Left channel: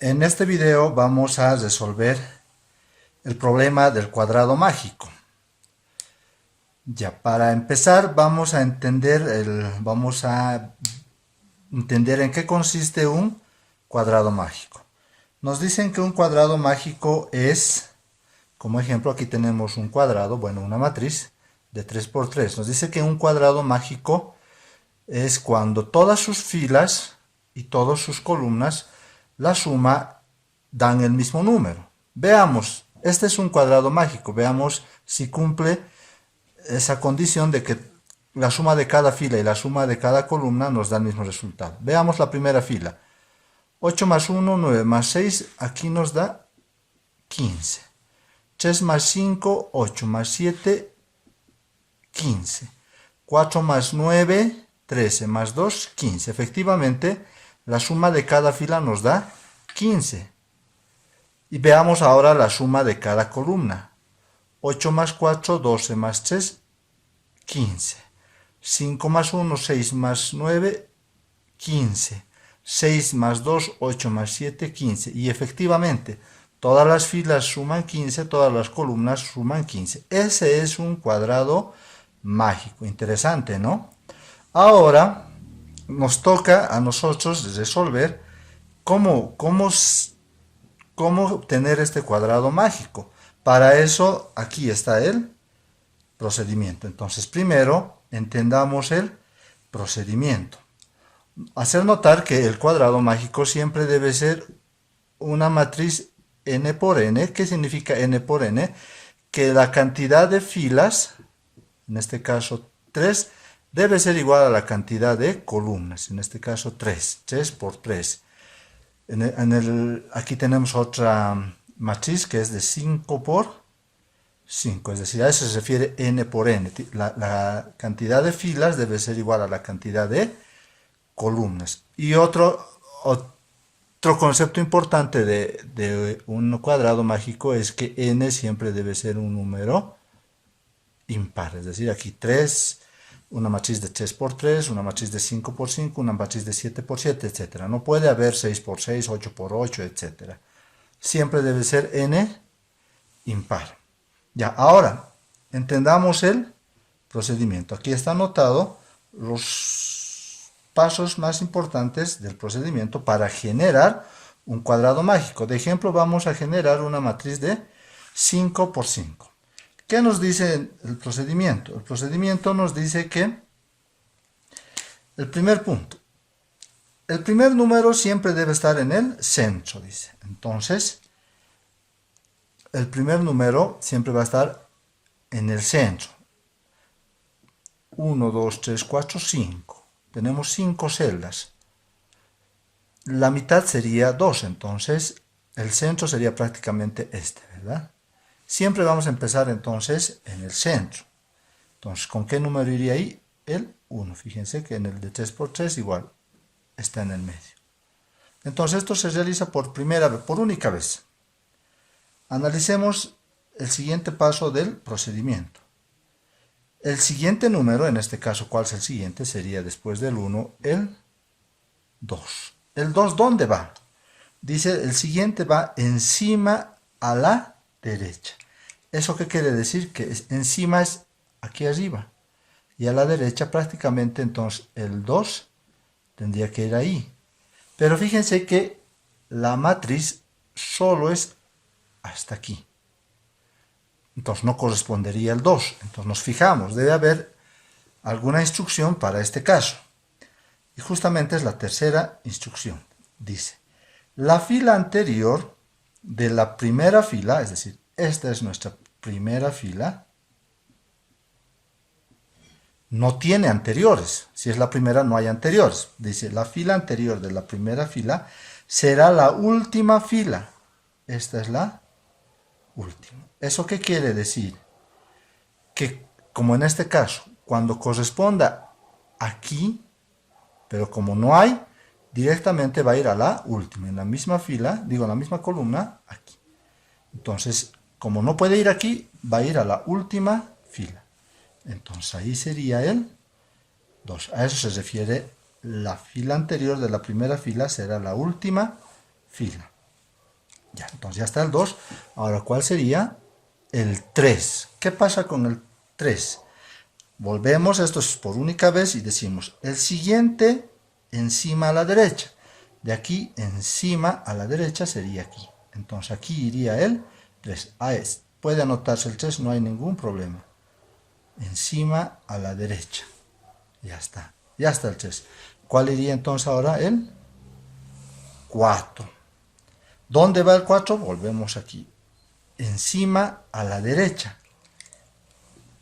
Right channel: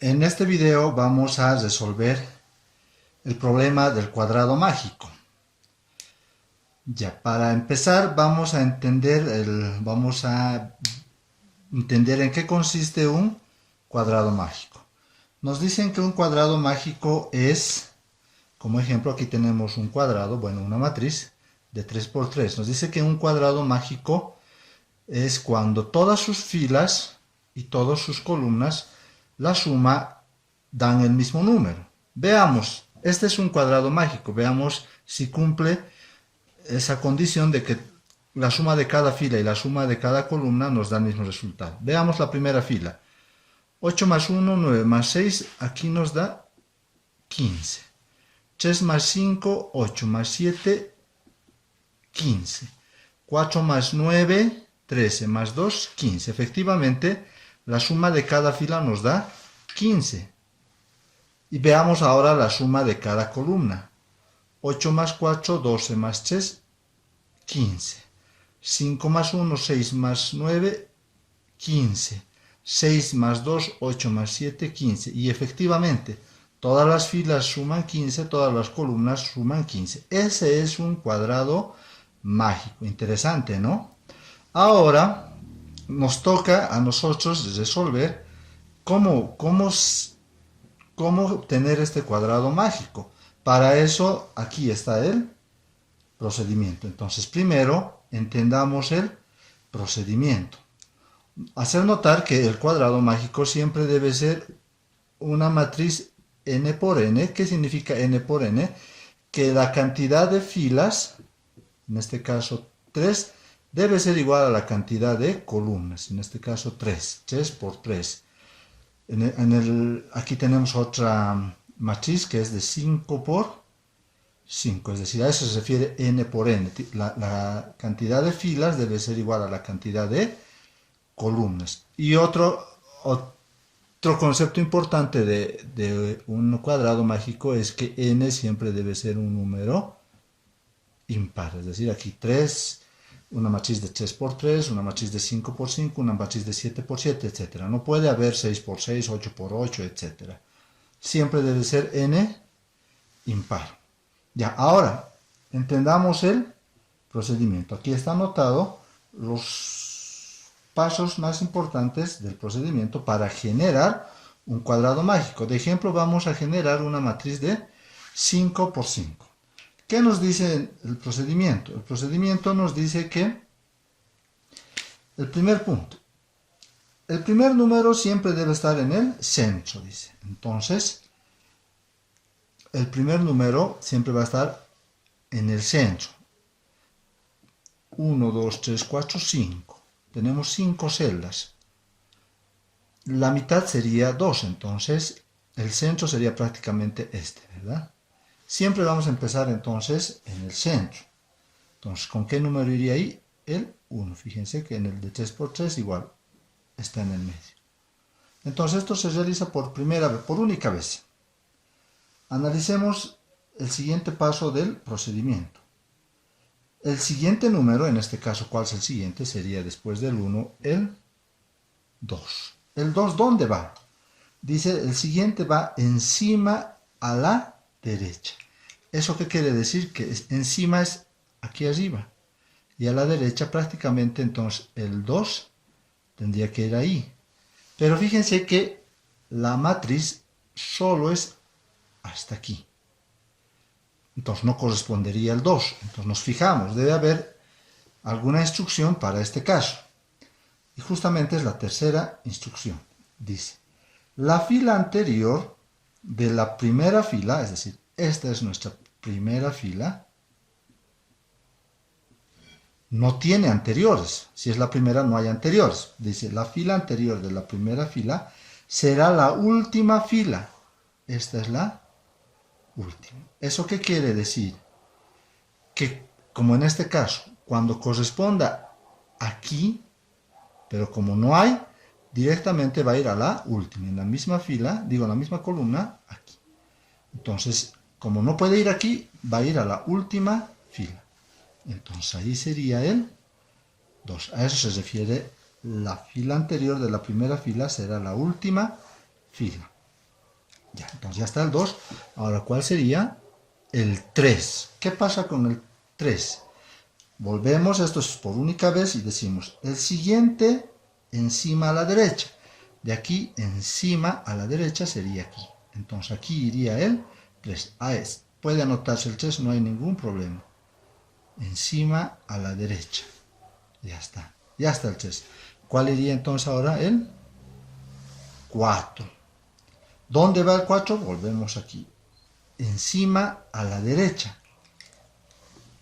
En este video vamos a resolver el problema del cuadrado mágico. Ya, para empezar vamos a entender en qué consiste un cuadrado mágico. Nos dicen que un cuadrado mágico es, como ejemplo aquí tenemos un cuadrado, una matriz de 3 por 3. Nos dice que un cuadrado mágico es cuando todas sus filas y todas sus columnas, la suma dan el mismo número. Veamos, este es un cuadrado mágico, veamos si cumple esa condición de que la suma de cada fila y la suma de cada columna nos da el mismo resultado. Veamos la primera fila. 8 más 1, 9 más 6, aquí nos da 15. 3 más 5, 8 más 7, 15. 4 más 9, 13 más 2, 15. Efectivamente, la suma de cada fila nos da 15. Y veamos ahora la suma de cada columna. 8 más 4, 12 más 3, 15. 5 más 1, 6 más 9, 15. 6 más 2, 8 más 7, 15. Y efectivamente, todas las filas suman 15, todas las columnas suman 15. Ese es un cuadrado mágico. Interesante, ¿no? Ahora nos toca a nosotros resolver cómo obtener este cuadrado mágico. Para eso aquí está el procedimiento. Entonces primero entendamos el procedimiento. Hacer notar que el cuadrado mágico siempre debe ser una matriz n por n. ¿Qué significa n por n? Que la cantidad de filas, en este caso 3, debe ser igual a la cantidad de columnas, en este caso 3, 3 por 3. Aquí tenemos otra matriz que es de 5 por 5, es decir, a eso se refiere n por n. La cantidad de filas debe ser igual a la cantidad de columnas. Y otro concepto importante de un cuadrado mágico es que n siempre debe ser un número impar, es decir, aquí 3, una matriz de 3 por 3, una matriz de 5 por 5, una matriz de 7 por 7, etc. No puede haber 6 por 6, 8 por 8, etc. Siempre debe ser n impar. Ya, ahora entendamos el procedimiento. Aquí está anotado los pasos más importantes del procedimiento para generar un cuadrado mágico. De ejemplo, vamos a generar una matriz de 5 por 5. ¿Qué nos dice el procedimiento? El procedimiento nos dice que el primer punto, el primer número siempre debe estar en el centro, dice. Entonces, el primer número siempre va a estar en el centro. 1, 2, 3, 4, 5. Tenemos 5 celdas. La mitad sería 2, entonces el centro sería prácticamente este, ¿verdad? Siempre vamos a empezar entonces en el centro. Entonces, ¿con qué número iría ahí? El 1. Fíjense que en el de 3 por 3 igual está en el medio. Entonces esto se realiza por única vez. Analicemos el siguiente paso del procedimiento. El siguiente número, en este caso, ¿cuál es el siguiente? Sería después del 1, el 2. ¿El 2 dónde va? Dice, el siguiente va encima a la derecha. ¿Eso qué quiere decir? Que encima es aquí arriba. Y a la derecha prácticamente entonces el 2 tendría que ir ahí. Pero fíjense que la matriz solo es hasta aquí. Entonces no correspondería el 2. Entonces nos fijamos, debe haber alguna instrucción para este caso. Y justamente es la tercera instrucción. Dice, la fila anterior de la primera fila, es decir, esta es nuestra primera fila, no tiene anteriores. Si es la primera, no hay anteriores. Dice, la fila anterior de la primera fila será la última fila. Esta es la última. ¿Eso qué quiere decir? Que, como en este caso, cuando corresponda aquí, pero como no hay, directamente va a ir a la última. En la misma fila, en la misma columna, aquí. Entonces, como no puede ir aquí, va a ir a la última fila. Entonces ahí sería el 2. A eso se refiere la fila anterior de la primera fila será la última fila. Ya, entonces ya está el 2. Ahora, ¿cuál sería? El 3. ¿Qué pasa con el 3? Volvemos, esto es por única vez y decimos el siguiente encima a la derecha. De aquí encima a la derecha sería aquí. Entonces aquí iría el 3. Puede anotarse el 3, no hay ningún problema. Encima a la derecha. Ya está. Ya está el 3. ¿Cuál iría entonces ahora? El 4. ¿Dónde va el 4? Volvemos aquí. Encima a la derecha.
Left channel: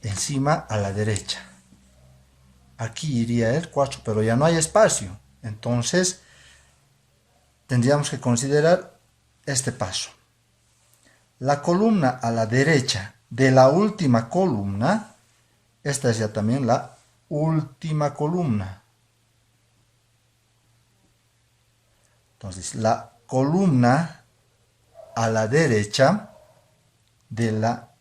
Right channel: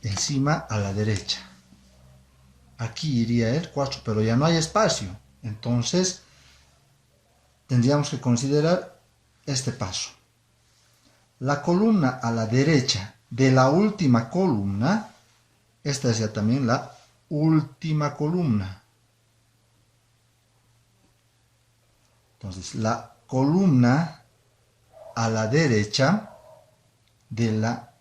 Encima a la derecha. Aquí iría el 4, pero ya no hay espacio. Entonces, tendríamos que considerar este paso. La columna a la derecha de la última columna, esta es ya también la última columna. Entonces, la columna a la derecha de la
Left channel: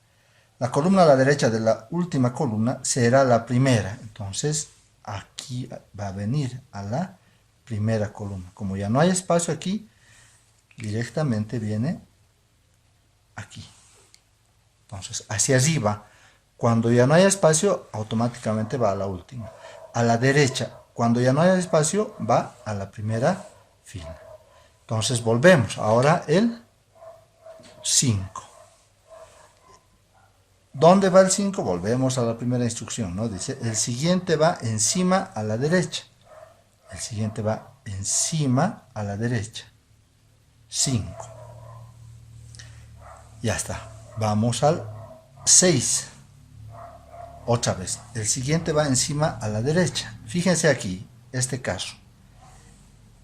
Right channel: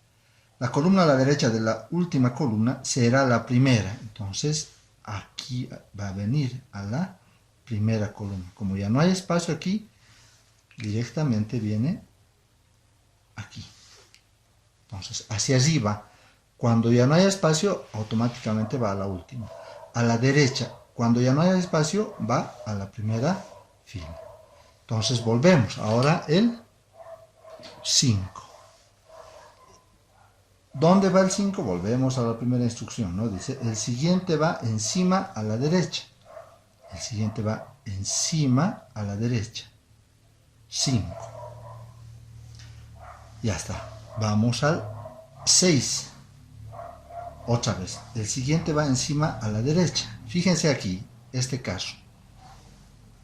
columna a la derecha de la última columna será la primera. Entonces, aquí va a venir a la primera columna. Como ya no hay espacio aquí, directamente viene aquí. Entonces, hacia arriba. Cuando ya no hay espacio, automáticamente va a la última. A la derecha, cuando ya no hay espacio, va a la primera fila. Entonces, volvemos. Ahora el 5. ¿Dónde va el 5? Volvemos a la primera instrucción, ¿no? Dice, el siguiente va encima a la derecha. El siguiente va encima a la derecha. 5. Ya está. Vamos al 6. Otra vez. El siguiente va encima a la derecha. Fíjense aquí, este caso.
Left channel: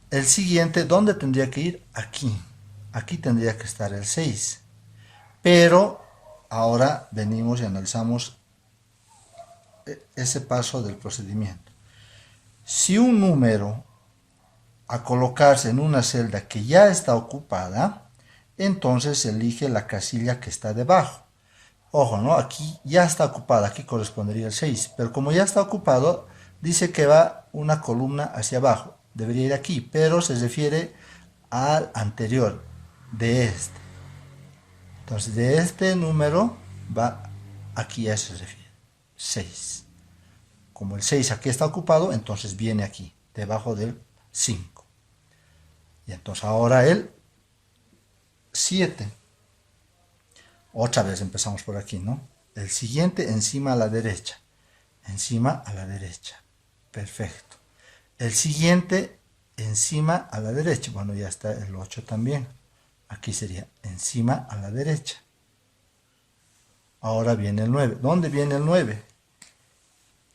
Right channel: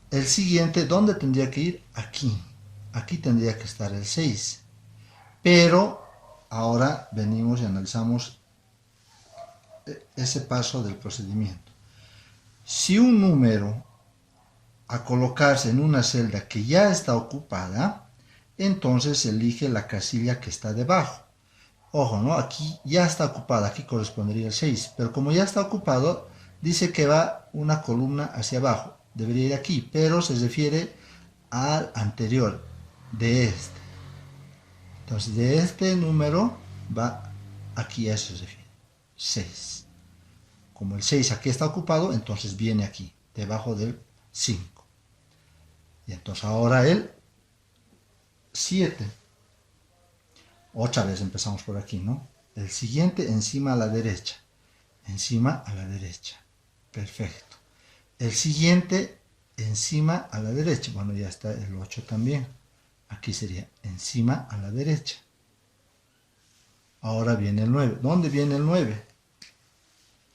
El siguiente, ¿dónde tendría que ir? Aquí. Aquí tendría que estar el 6. Pero ahora venimos y analizamos ese paso del procedimiento. Si un número a colocarse en una celda que ya está ocupada, entonces se elige la casilla que está debajo. Ojo, ¿no? Aquí ya está ocupada, aquí correspondería el 6, pero como ya está ocupado, dice que va una columna hacia abajo. Debería ir aquí, pero se refiere al anterior, de este. Entonces, de este número va aquí, a eso se refiere, 6. Como el 6 aquí está ocupado, entonces viene aquí, debajo del 5. Y entonces ahora el 7. Otra vez empezamos por aquí, ¿no? El siguiente encima a la derecha. Encima a la derecha. Perfecto. El siguiente encima a la derecha. Bueno, ya está el 8 también. Aquí sería encima a la derecha. Ahora viene el 9. ¿Dónde viene el 9?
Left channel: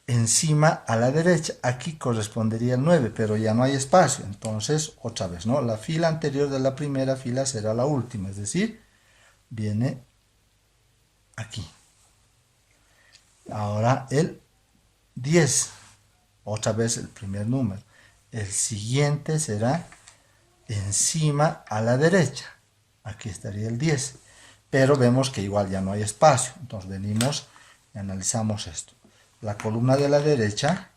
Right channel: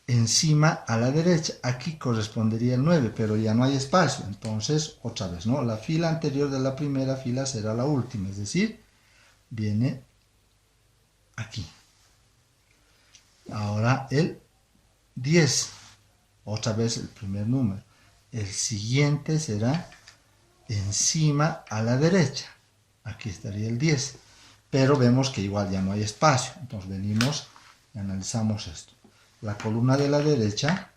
Encima a la derecha. Aquí correspondería el 9, pero ya no hay espacio. Entonces, otra vez, ¿no? La fila anterior de la primera fila será la última. Es decir, viene aquí. Ahora el 10. Otra vez el primer número. El siguiente será encima a la derecha. Aquí estaría el 10. Pero vemos que igual ya no hay espacio. Entonces venimos y analizamos esto. La columna de la derecha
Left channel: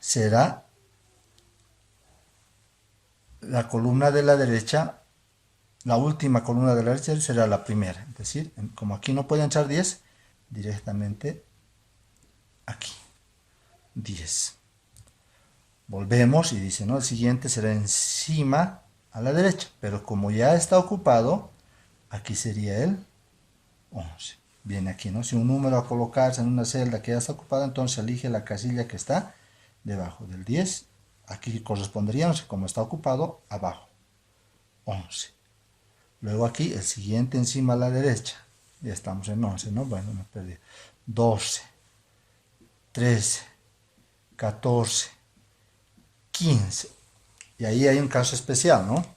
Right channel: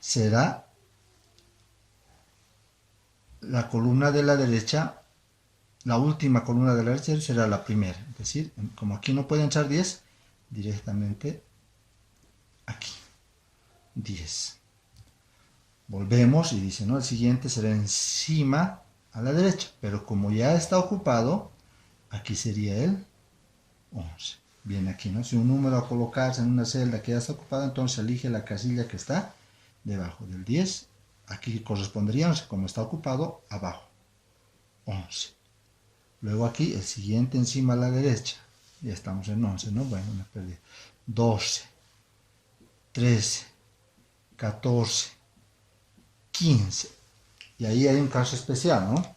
será la columna de la derecha, la última columna de la derecha será la primera. Es decir, como aquí no puede entrar 10, directamente aquí. 10. Volvemos y dice, ¿no? El siguiente será encima a la derecha. Pero como ya está ocupado, aquí sería el 11. Viene aquí, ¿no? Si un número a colocarse en una celda que ya está ocupada, entonces elige la casilla que está debajo del 10. Aquí correspondería, no sé, como está ocupado, abajo. 11. Luego aquí, el siguiente encima a la derecha. Ya estamos en 11, ¿no? Bueno, me perdí. 12, 13, 14, 15. Y ahí hay un caso especial, ¿no?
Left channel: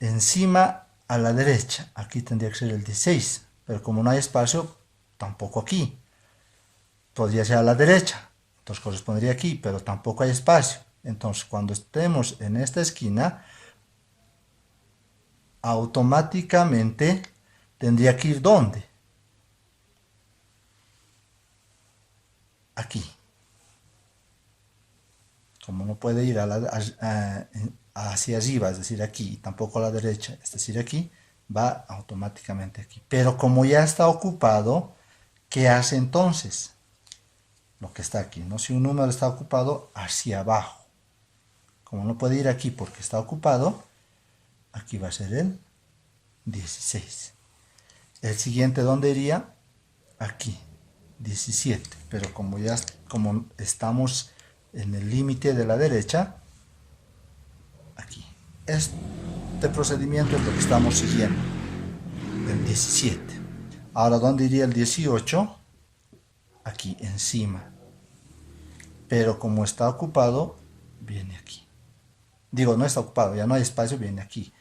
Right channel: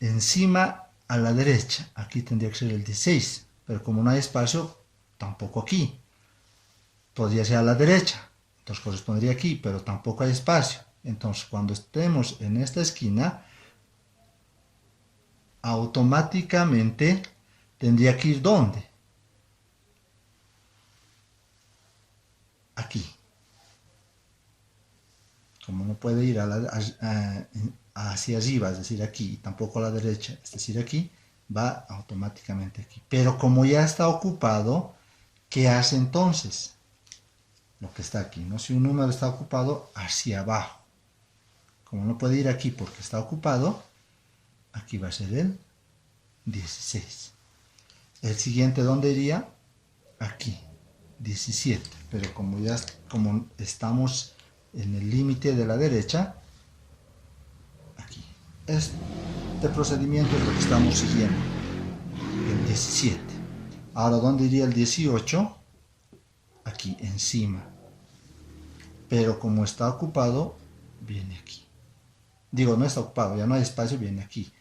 Encima a la derecha. Aquí tendría que ser el 16. Pero como no hay espacio, tampoco aquí. Podría ser a la derecha. Entonces correspondería aquí, pero tampoco hay espacio. Entonces cuando estemos en esta esquina, automáticamente tendría que ir ¿dónde? Aquí. Como no puede ir hacia arriba, es decir, aquí, y tampoco a la derecha, es decir, aquí, va automáticamente aquí. Pero como ya está ocupado, ¿qué hace entonces? Lo que está aquí, ¿no? Si un número está ocupado, hacia abajo. Como no puede ir aquí porque está ocupado, aquí va a ser el 16. El siguiente, ¿dónde iría? Aquí, 17. Pero como estamos en el límite de la derecha, aquí. Este procedimiento es lo que estamos siguiendo. El 17. Ahora, ¿dónde iría el 18? Aquí, encima. Pero como está ocupado, viene aquí. Digo, no está ocupado, ya no hay espacio, viene aquí.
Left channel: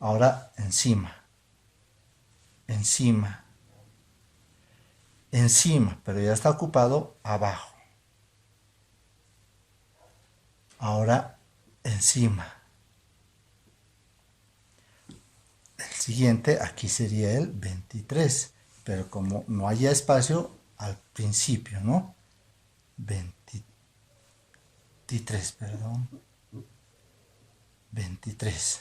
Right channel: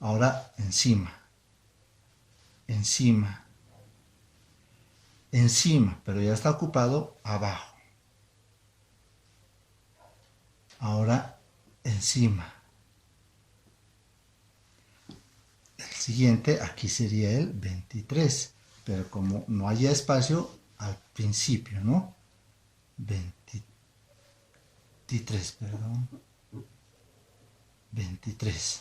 Ahora, encima. Encima. Encima, pero ya está ocupado, abajo. Ahora, encima. El siguiente, aquí sería el 23, pero como no haya espacio al principio, ¿no? 23, perdón. 23.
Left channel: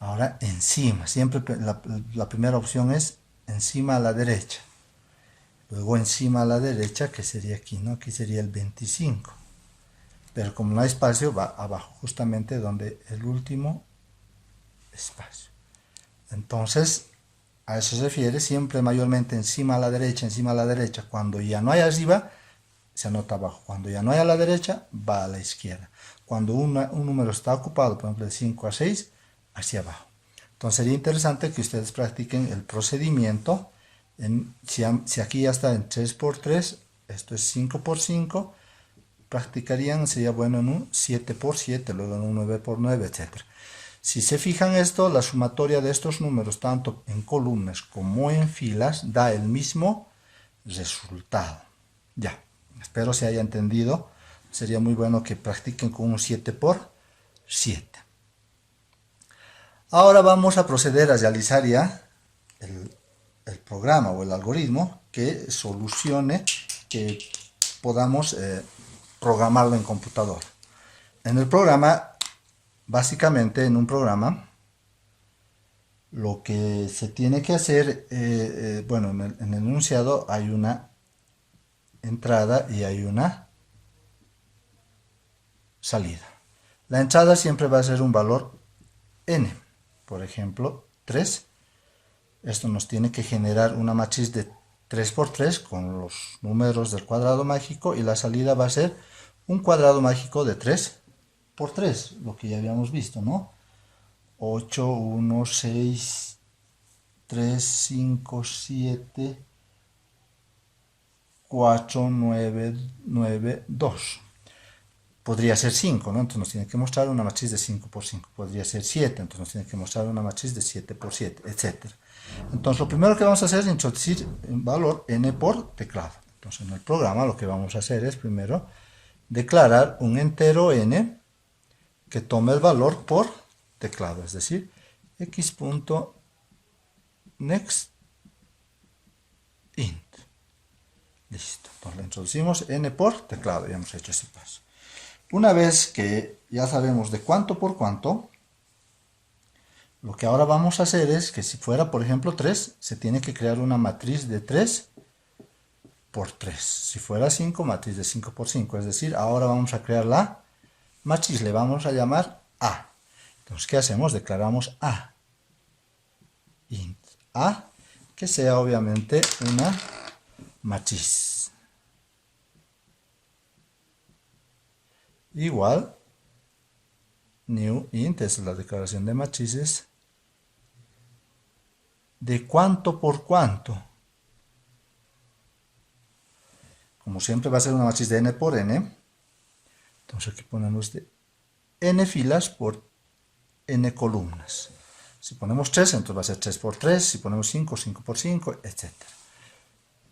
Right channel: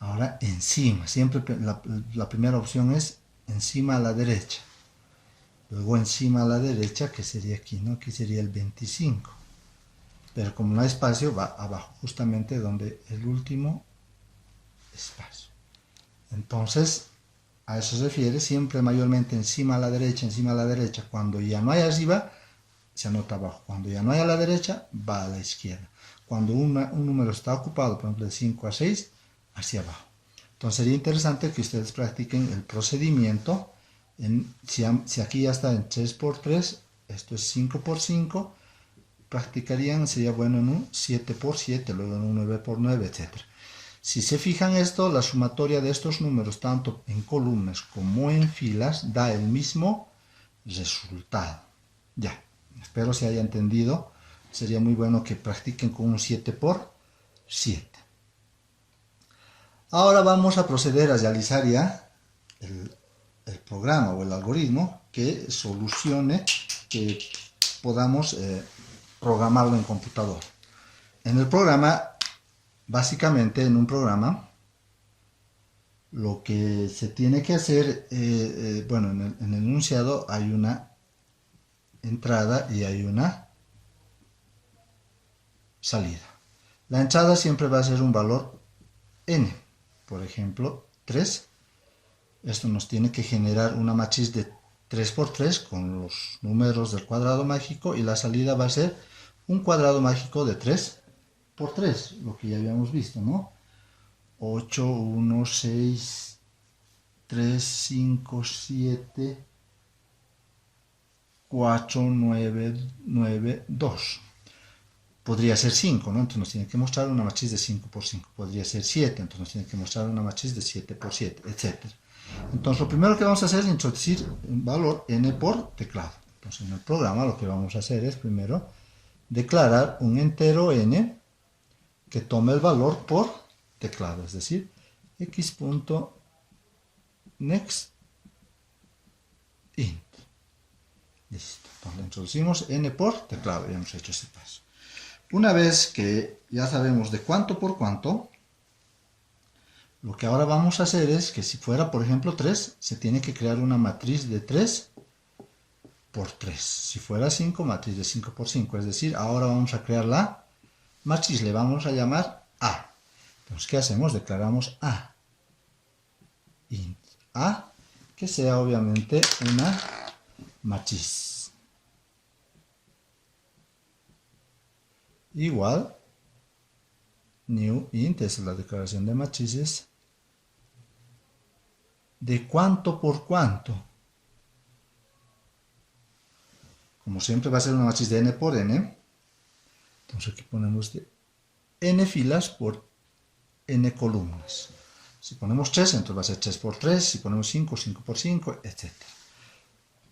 Ahora encima, siempre la primera opción es encima a la derecha. Luego encima a la derecha, que sería aquí, ¿no? Aquí sería el 25. Pero como no hay espacio, va abajo, justamente donde el último espacio. Entonces, a eso se refiere siempre mayormente encima a la derecha. Cuando ya no hay arriba, se anota abajo. Cuando ya no hay a la derecha, va a la izquierda. Cuando un número está ocupado, por ejemplo, de 5 a 6, hacia abajo. Entonces sería interesante que ustedes practiquen el procedimiento. Si aquí ya está en 3 por 3, esto es 5 por 5, practicarían, sería bueno en un 7 por 7, luego en un 9 por 9, etc. Si se fijan esto, la sumatoria de estos números, tanto en columnas como en filas, da el mismo resultado. Ya, espero se haya entendido. Sería muy bueno que practiquen con un 7 por 7. Ahora vamos a proceder a realizar ya el programa o el algoritmo que solucione, que podamos programarlo en computador. En el programa, básicamente en un programa, lo que se tiene que hacer, bueno, en el enunciado hay una entrada y hay una salida. La entrada siempre va a ser un valor n, por ejemplo, 3. Esto nos tiene que generar una matriz de 3 por 3 con los números del cuadrado mágico, y la salida va a ser un cuadrado mágico de 3 por 3, lo que ya habíamos visto, ¿no? 8, 1, 6, 3, 5, 7, 4, 9, 9, 2. Podría ser 5, ¿no? Entonces nos tiene que mostrar una matriz de 5 por 5. Podría ser 7, entonces nos tiene que mostrar una matriz de 7 por 7, etc. Entonces lo primero que vamos a hacer es introducir un valor n por teclado. Entonces en el programa lo que vamos a hacer es primero declarar un entero n que tome el valor por teclado, es decir, x.nextInt. Listo, entonces le introducimos n por teclado, ya hemos hecho ese paso. Una vez que ya sabemos de cuánto por cuánto, lo que ahora vamos a hacer es que si fuera, por ejemplo, 3, se tiene que crear una matriz de 3 por 3. Si fuera 5, matriz de 5 por 5. Es decir, ahora vamos a crear la matriz, le vamos a llamar A. Entonces, ¿qué hacemos? Declaramos A. Int A, que sea obviamente una matriz. Igual, new int, es la declaración de matrices, de cuánto por cuánto. Como siempre va a ser una matriz de n por n, entonces aquí ponemos de n filas por n columnas. Si ponemos 3, entonces va a ser 3 por 3, si ponemos 5, 5 por 5, etc.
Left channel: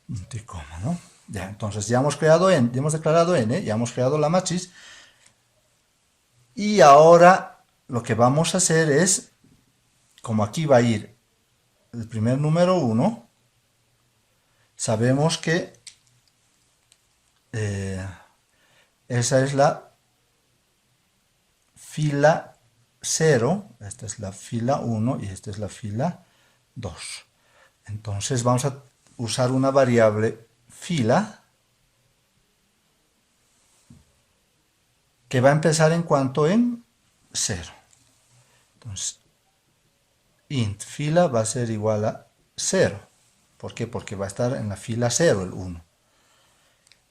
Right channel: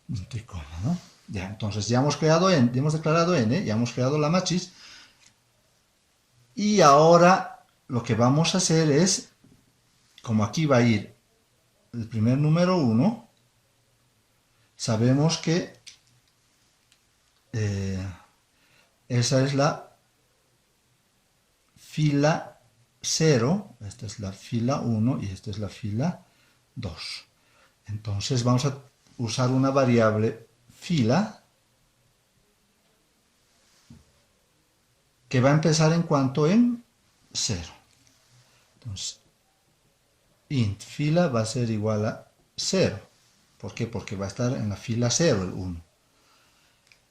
Punto y coma, ¿no? Ya, entonces ya hemos creado n, ya hemos declarado n, ya hemos creado la matriz, y ahora lo que vamos a hacer es, como aquí va a ir el primer número 1, sabemos que esa es la fila 0, esta es la fila 1 y esta es la fila 2. Entonces vamos a usar una variable fila que va a empezar en cuanto en 0. Entonces, int fila va a ser igual a 0. ¿Por qué? Porque va a estar en la fila 0 el 1.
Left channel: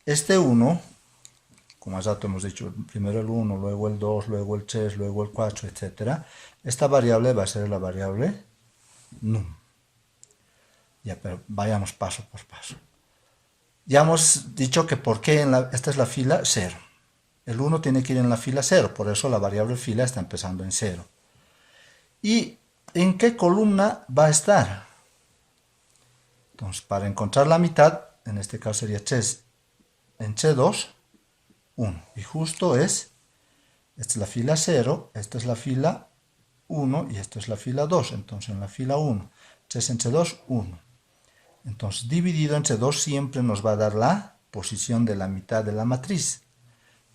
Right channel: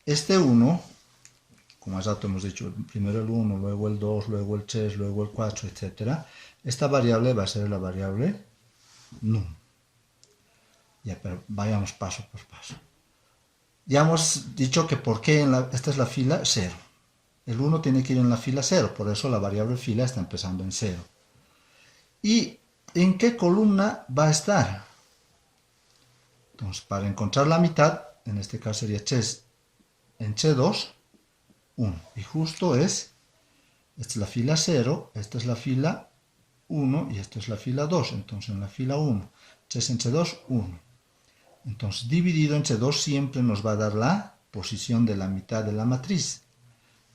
Este 1, como hace rato hemos dicho, primero el 1, luego el 2, luego el 3, luego el 4, etc. Esta variable va a ser la variable num. Ya, pero vayamos paso por paso. Ya hemos dicho que por qué esta es la fila 0. El 1 tiene que ir en la fila 0, por eso la variable fila está empezando en 0. ¿Y en qué columna va a estar? Entonces, para encontrar la mitad, en este caso sería ches en ch2, 1. Y justo esta es la fila 0, esta es la fila 1 y esta es la fila 2. Entonces, en la fila 1, ches en ch2, 1. Entonces, dividido entre 2 siempre nos va a dar la posición de la mitad de la matriz.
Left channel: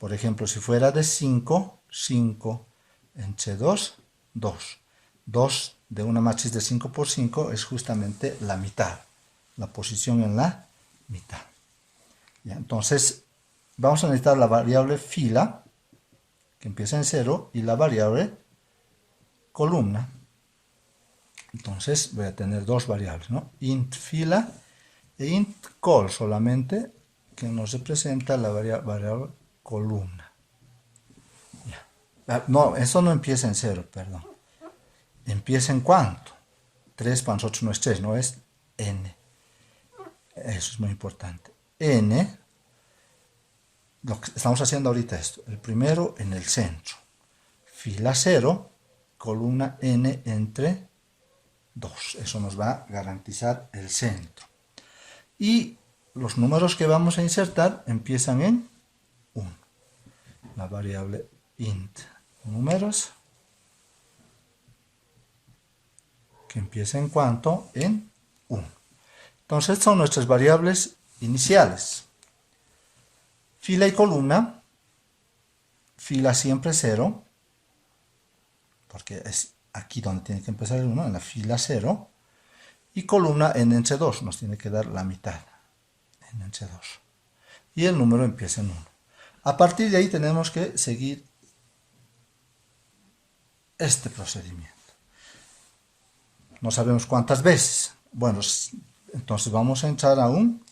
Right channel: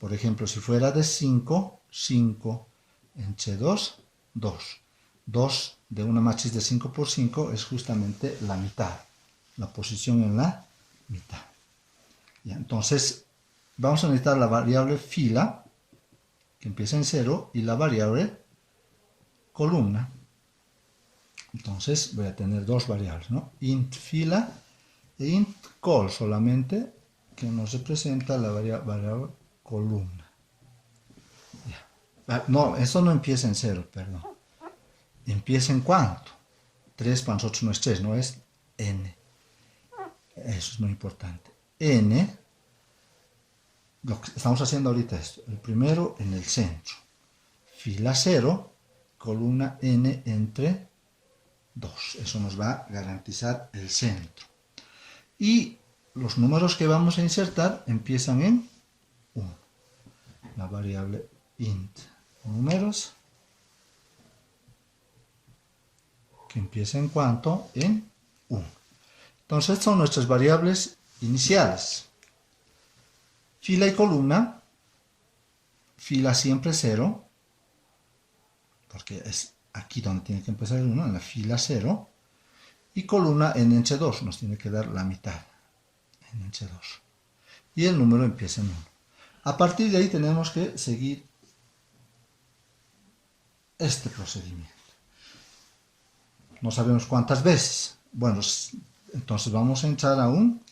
Por ejemplo, si fuera de 5, 5 entre 2, 2. 2 de una matriz de 5 por 5 es justamente la mitad, la posición en la mitad. ¿Ya? Entonces, vamos a necesitar la variable fila, que empieza en 0, y la variable columna. Entonces, voy a tener dos variables, ¿no? Int fila e int col solamente, que nos representa la variable columna. Ya. No, esto no empieza en 0, perdón. ¿Empieza en cuánto? 3 para nosotros no es 3, no es n. Eso es muy importante. N, lo que estamos haciendo ahorita esto. El primero en el centro. Fila 0, columna n entre 2. Eso nos va a garantizar el centro. Y los números que vamos a insertar empiezan en 1. La variable int números, que empieza en cuánto, en 1. Entonces, estas son nuestras variables iniciales. Fila y columna, fila siempre 0, porque es aquí donde tiene que empezar el 1, en la fila 0, y columna n entre 2, nos tiene que dar la mitad, n entre 2. Y el número empieza en 1. A partir de ahí tenemos que seguir este procedimiento. No sabemos cuántas veces. Bueno, entonces vamos a entrar a un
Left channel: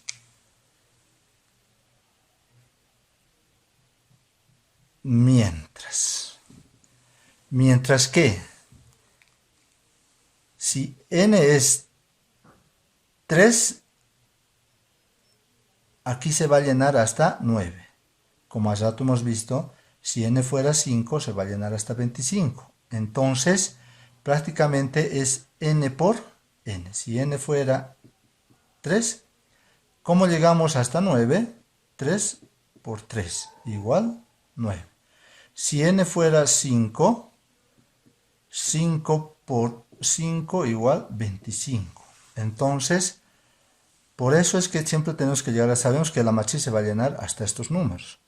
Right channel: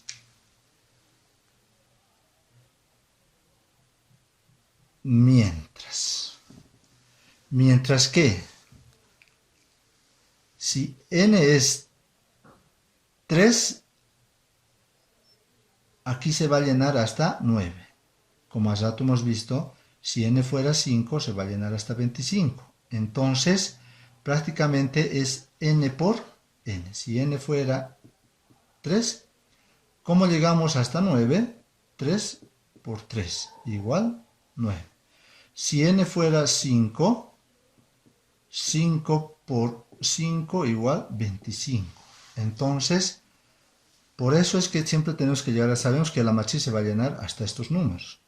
mientras. Mientras que, si n es 3, aquí se va a llenar hasta 9. Como hace rato hemos visto, si n fuera 5, se va a llenar hasta 25. Entonces, prácticamente es n por n. Si n fuera 3, ¿cómo llegamos hasta 9? 3 por 3, igual 9. Si n fuera 5, 5 por 5 igual 25. Entonces, por eso es que siempre tenemos que llegar a, sabemos que la matriz se va a llenar hasta estos números.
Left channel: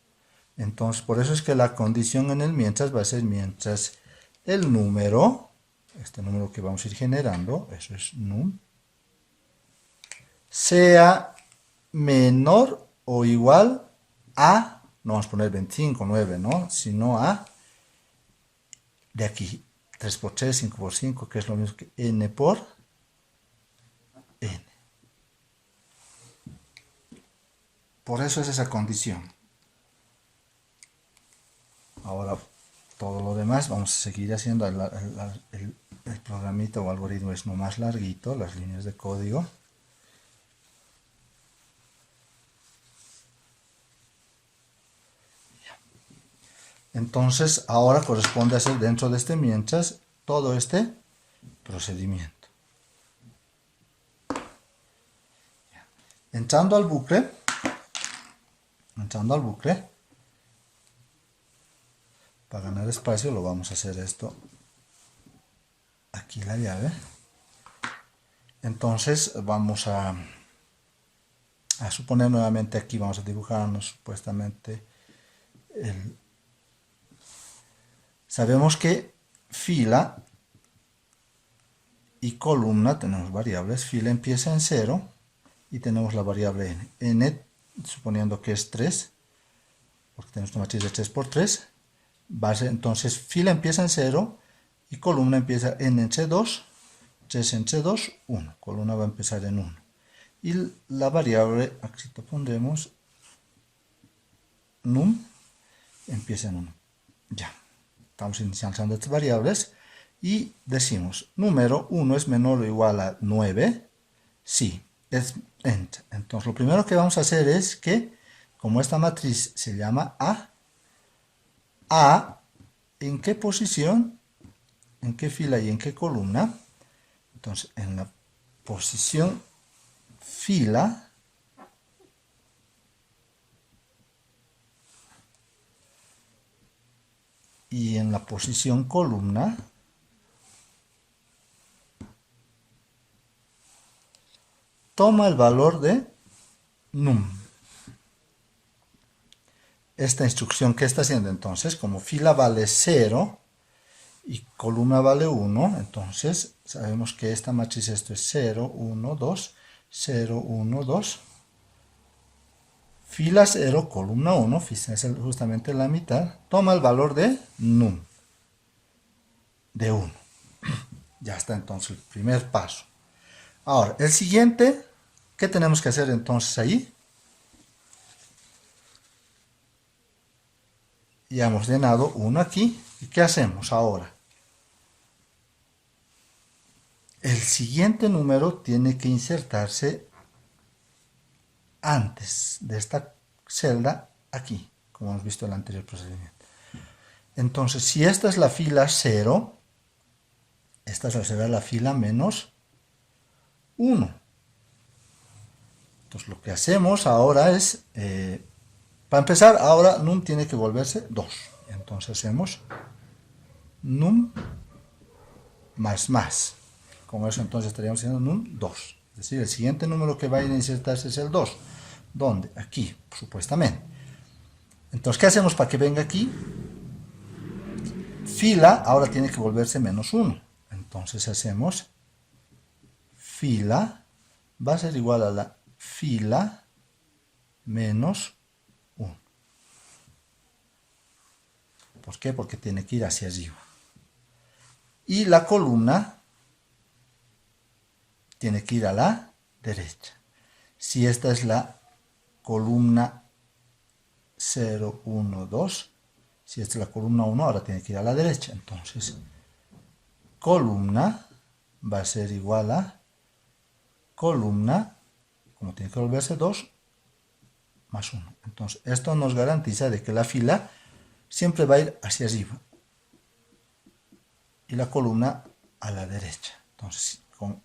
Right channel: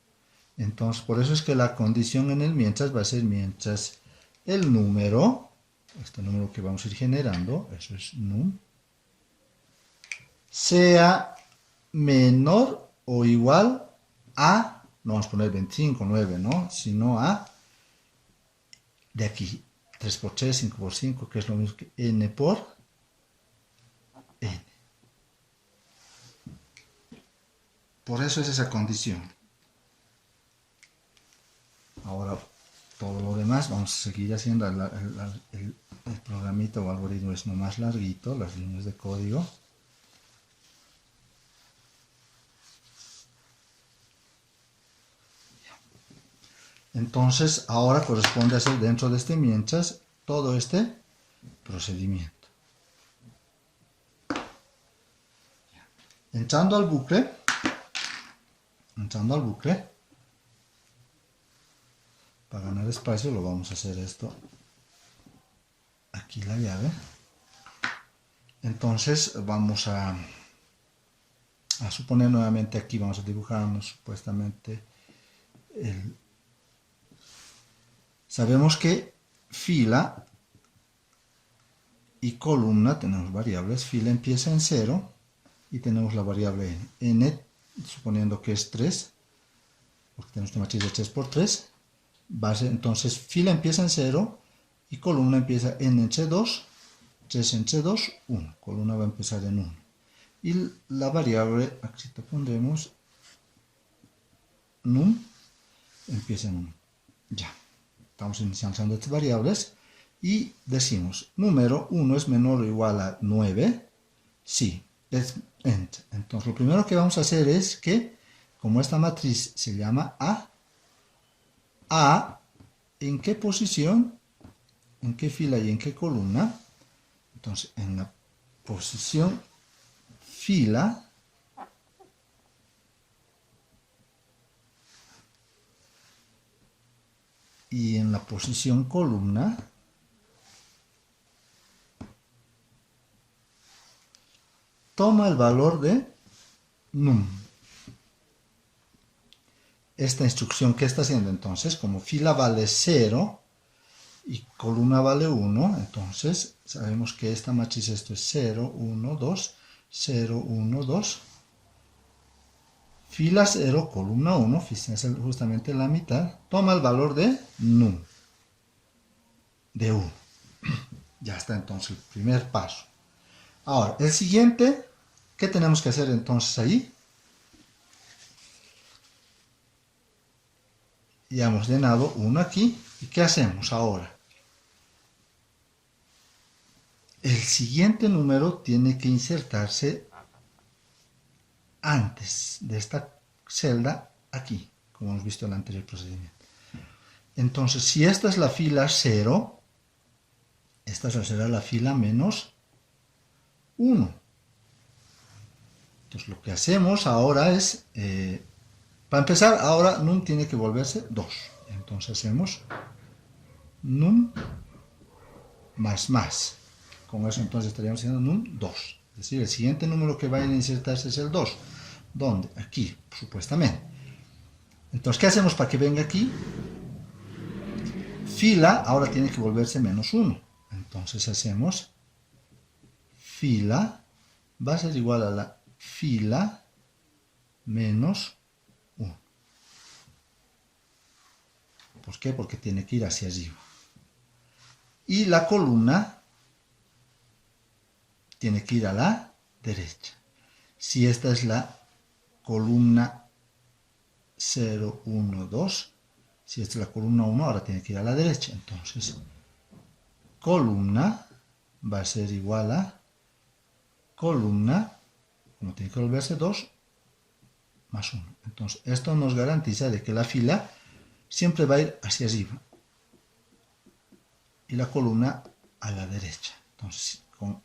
Entonces, por eso es que la condición en el mientras va a ser mientras el número, este número que vamos a ir generando, eso es num, sea menor o igual a, no vamos a poner 25, 9, ¿no? Sino a, de aquí, 3 por 3, 5 por 5, que es lo mismo que n por n. Por eso es esa condición. Ahora, todo lo demás, vamos a seguir haciendo el programita o algoritmo es no más larguito, las líneas de código. Entonces, ahora corresponde hacer dentro de este mientras todo este procedimiento. Entrando al bucle, para ganar espacio lo vamos a hacer esto, aquí la llave. Entonces vamos a suponer nuevamente aquí, vamos a dibujarnos supuestamente Sabemos que fila y columna, tenemos variables, fila empieza en 0 y tenemos la variable n. n, suponiendo que es 3, porque tenemos una matriz de 3 por 3, entonces fila empieza en 0 y columna empieza n entre 2, 3 entre 2, 1. Columna va a empezar en 1. Y la variable, aquí te pondremos, num, empieza en 1. Ya, estamos inicializando estas variables y decimos, número 1 es menor o igual a 9, sí, es ent. Entonces lo primero que vamos a hacer es que, como esta matriz se llama A, ¿en qué posición? ¿En qué fila y en qué columna? Entonces, en la posición fila, y en la posición columna, toma el valor de num. Esta instrucción, ¿qué está haciendo entonces? Como fila vale 0 y columna vale 1, entonces sabemos que esta matriz, esto es 0, 1, 2, 0, 1, 2. Fila 0, columna 1, fíjense justamente la mitad, toma el valor de num, de 1. Ya está entonces el primer paso. Ahora, el siguiente, ¿qué tenemos que hacer entonces ahí? Ya hemos llenado 1 aquí. ¿Y qué hacemos ahora? El siguiente número tiene que insertarse antes de esta celda aquí, como hemos visto en el anterior procedimiento. Entonces, si esta es la fila 0, esta será la fila menos 1. Entonces, lo que hacemos ahora es, para empezar, ahora num tiene que volverse 2. Entonces hacemos num más. Con eso entonces estaríamos haciendo num 2. Es decir, el siguiente número que va a ir a insertarse es el 2. ¿Dónde? Aquí, supuestamente. Entonces, ¿qué hacemos para que venga aquí? Fila ahora tiene que volverse menos 1. Entonces hacemos fila va a ser igual a la fila menos 1. ¿Por qué? Porque tiene que ir hacia arriba. Y la columna tiene que ir a la derecha. Si esta es la columna 0, 1, 2, si esta es la columna 1, ahora tiene que ir a la derecha. Entonces, columna va a ser igual a columna, como tiene que volverse 2, más 1. Entonces, esto nos garantiza de que la fila siempre va a ir hacia arriba y la columna a la derecha. Entonces, con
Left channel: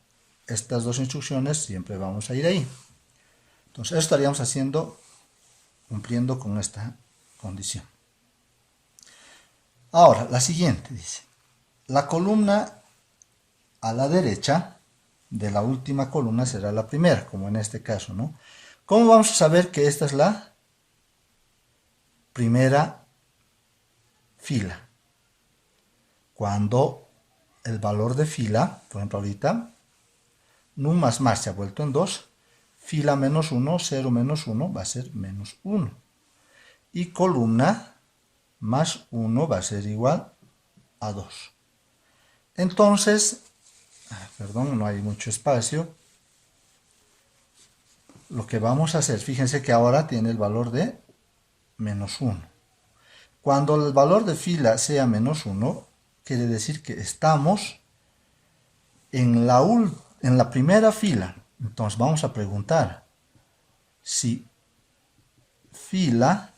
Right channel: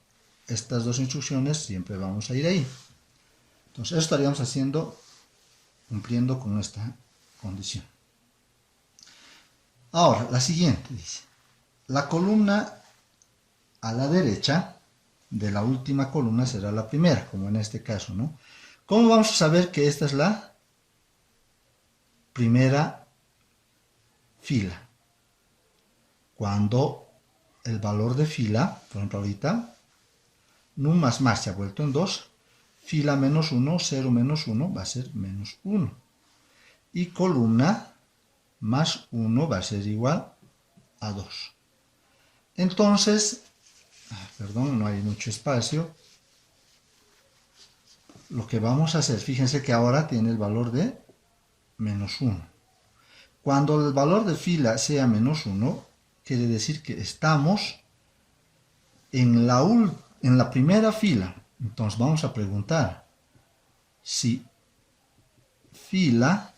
estas dos instrucciones siempre vamos a ir ahí. Entonces, eso estaríamos haciendo, cumpliendo con esta condición. Ahora, la siguiente dice, la columna a la derecha de la última columna será la primera, como en este caso, ¿no? ¿Cómo vamos a saber que esta es la primera fila? Cuando el valor de fila, por ejemplo ahorita, num más se ha vuelto en 2, fila menos 1, 0 menos 1 va a ser menos 1. Y columna más 1 va a ser igual a 2. Entonces, perdón, no hay mucho espacio. Lo que vamos a hacer, fíjense que ahora tiene el valor de menos 1. Cuando el valor de fila sea menos 1, quiere decir que estamos en la primera fila. Entonces vamos a preguntar si fila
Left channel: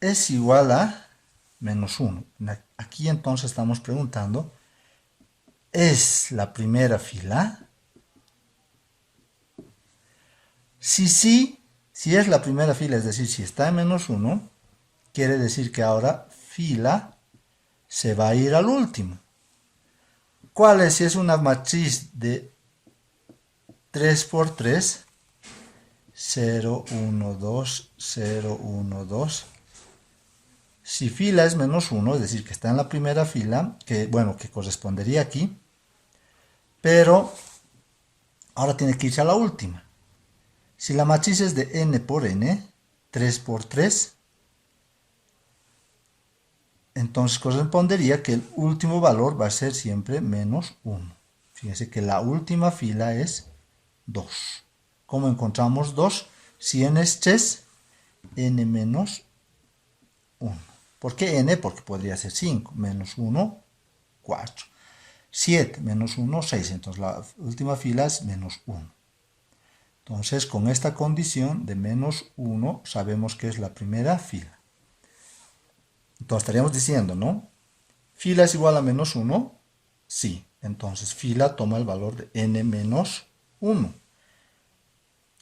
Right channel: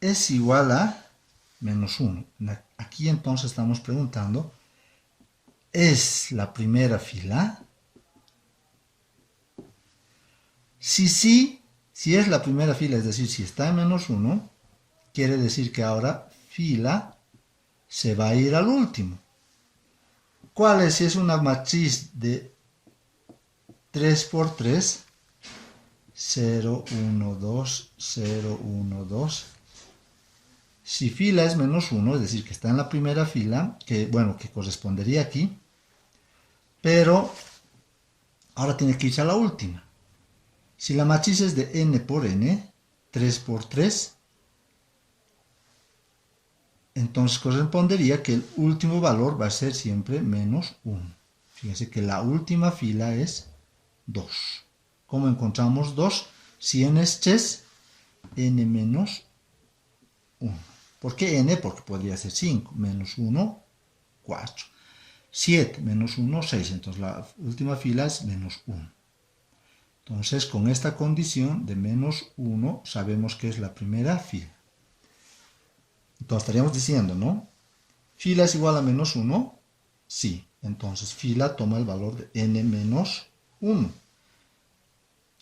es igual a menos 1. Aquí entonces estamos preguntando, ¿es la primera fila? Si sí, si es la primera fila, es decir, si está en menos 1, quiere decir que ahora fila se va a ir al último. ¿Cuál es? Si es una matriz de 3 por 3, 0, 1, 2, 0, 1, 2, Si fila es menos 1, es decir, que está en la primera fila, que correspondería aquí, pero ahora tiene que irse a la última. Si la matriz es de n por n, 3 por 3, entonces correspondería que el último valor va a ser siempre menos 1. Fíjense que la última fila es 2. ¿Cómo encontramos 2? Si n es 3, n menos 1. ¿Por qué n? Porque podría ser 5. Menos 1, 4. 7 menos 1, 6. Entonces la última fila es menos 1. Entonces con esta condición de menos 1 sabemos que es la primera fila. Entonces estaríamos diciendo, ¿no? ¿Fila es igual a menos 1? Sí. Entonces fila toma el valor de n menos 1.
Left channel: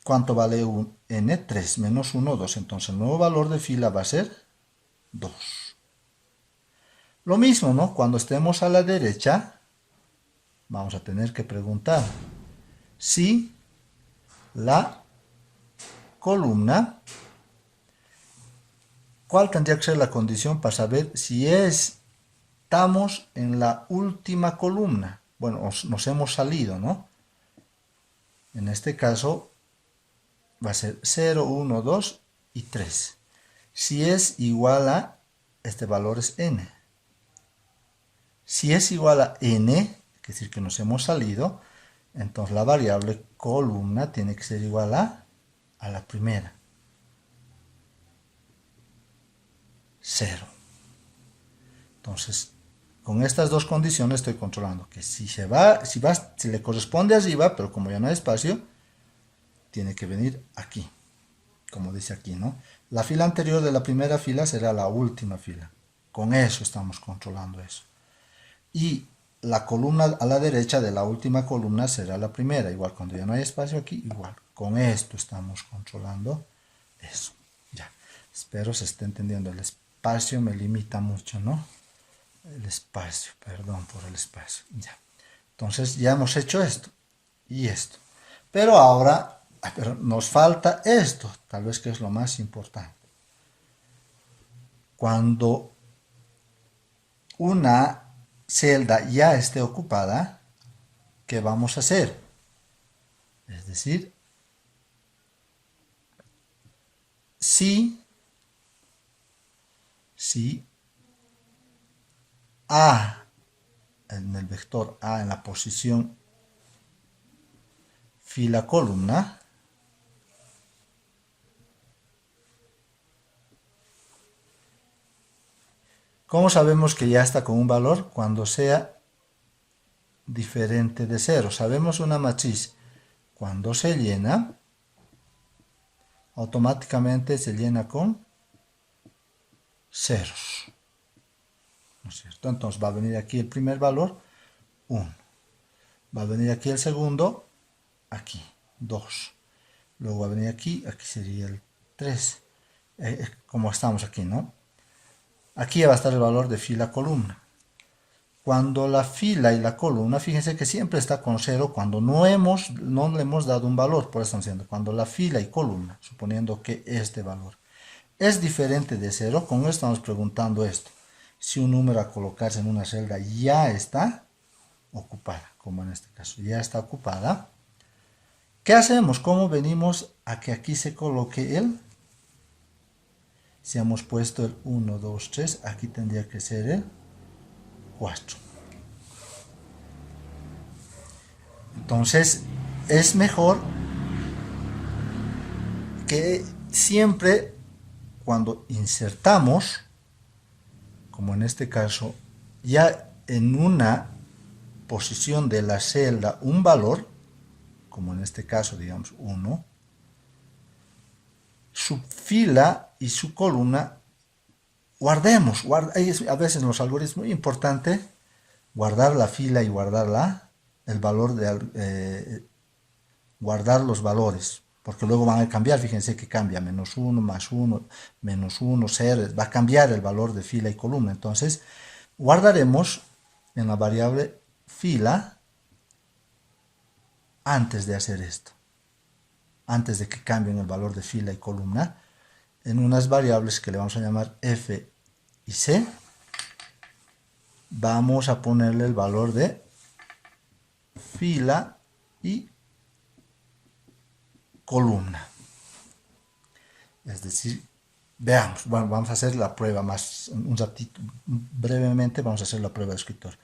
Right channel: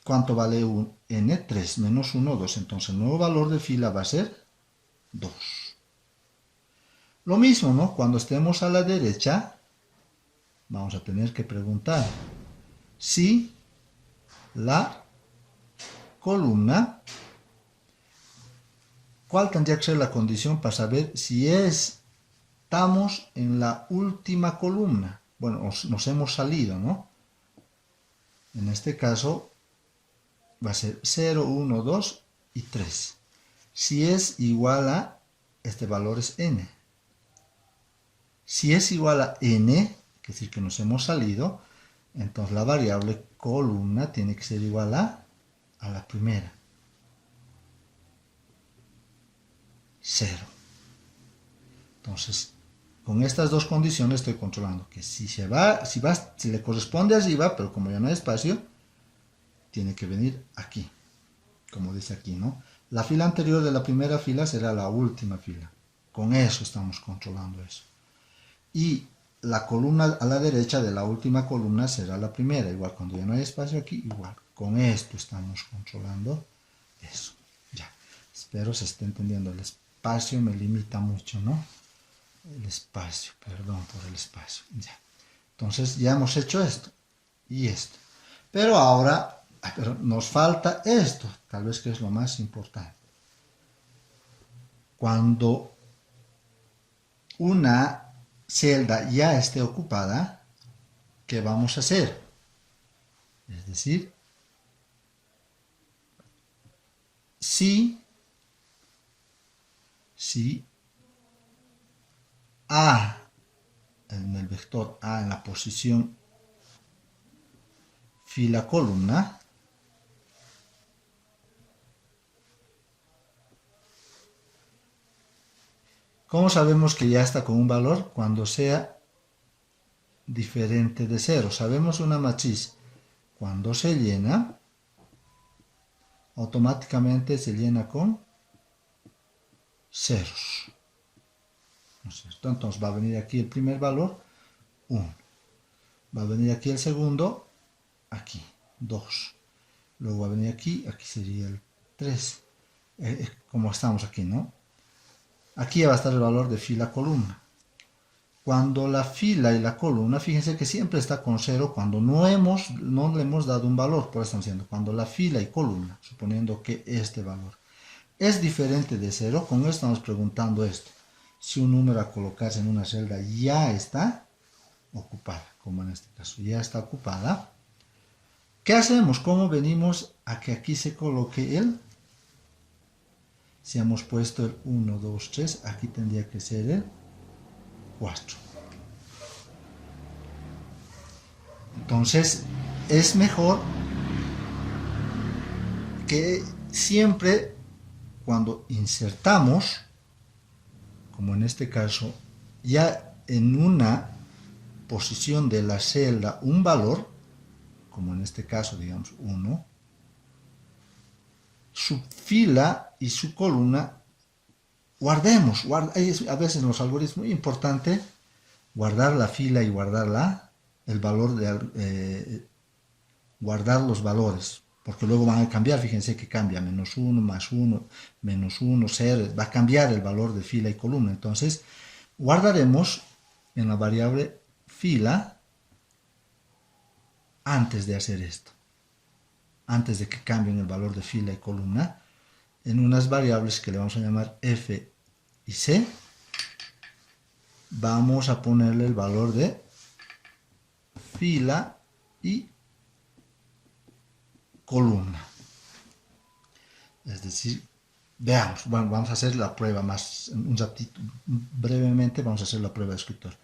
¿Cuánto vale n? 3 menos 1, 2. Entonces el nuevo valor de fila va a ser 2. Lo mismo, ¿no? Cuando estemos a la derecha, vamos a tener que preguntar si la columna, ¿cuál tendría que ser la condición para saber si estamos en la última columna? Bueno, nos hemos salido, ¿no? En este caso va a ser 0, 1, 2 y 3. Si es igual a, este valor es n. Si es igual a n, es decir, que nos hemos salido, entonces la variable columna tiene que ser igual a la primera. 0. Entonces, con estas dos condiciones estoy controlando que si le corresponde arriba, pero como ya no hay espacio, tiene que venir aquí, como dice aquí, ¿no? La fila anterior de la primera fila será la última fila. Con eso estamos controlando eso. Y la columna a la derecha de la última columna será la primera. Igual cuando ya no hay espacio aquí, igual. Con esto estamos controlando eso. Ya. Espero se esté entendiendo. El espacio me limita mucho, ¿no? El espacio, perdón por el espacio. Ya. Entonces ya hemos hecho esto y esto. Pero ahora nos falta esto, tal vez que es lo más importante. Cuando una celda ya esté ocupada, ¿qué vamos a hacer? Es decir, si A, en el vector A en la posición fila columna, ¿cómo sabemos que ya está con un valor? Cuando sea diferente de 0. Sabemos una matriz, cuando se llena, automáticamente se llena con ceros. ¿No es cierto? Entonces va a venir aquí el primer valor, 1. Va a venir aquí el segundo, aquí, 2. Luego va a venir aquí sería el 3. Como estamos aquí, ¿no? Aquí va a estar el valor de fila columna. Cuando la fila y la columna, fíjense que siempre está con 0 cuando no le hemos dado un valor. Por eso estamos diciendo, cuando la fila y columna, suponiendo que este valor es diferente de 0, con esto estamos preguntando esto. Si un número a colocarse en una celda ya está ocupada, como en este caso, ya está ocupada. ¿Qué hacemos? ¿Cómo venimos a que aquí se coloque el? Si hemos puesto el 1, 2, 3, aquí tendría que ser el 4. Entonces, es mejor que siempre cuando insertamos, como en este caso, ya en una posición de la celda un valor, como en este caso, digamos, 1, su fila y su columna, guardemos. A veces en los algoritmos es muy importante guardar la fila y guardar el valor guardar los valores, porque luego van a cambiar. Fíjense que cambia, menos 1, más 1, menos 1, 0, va a cambiar el valor de fila y columna. Entonces, guardaremos en la variable fila antes de hacer esto, antes de que cambien el valor de fila y columna, en unas variables que le vamos a llamar f y C, vamos a ponerle el valor de fila y columna. Es decir, veamos, bueno, vamos a hacer la prueba más, un ratito, brevemente vamos a hacer la prueba de escritor.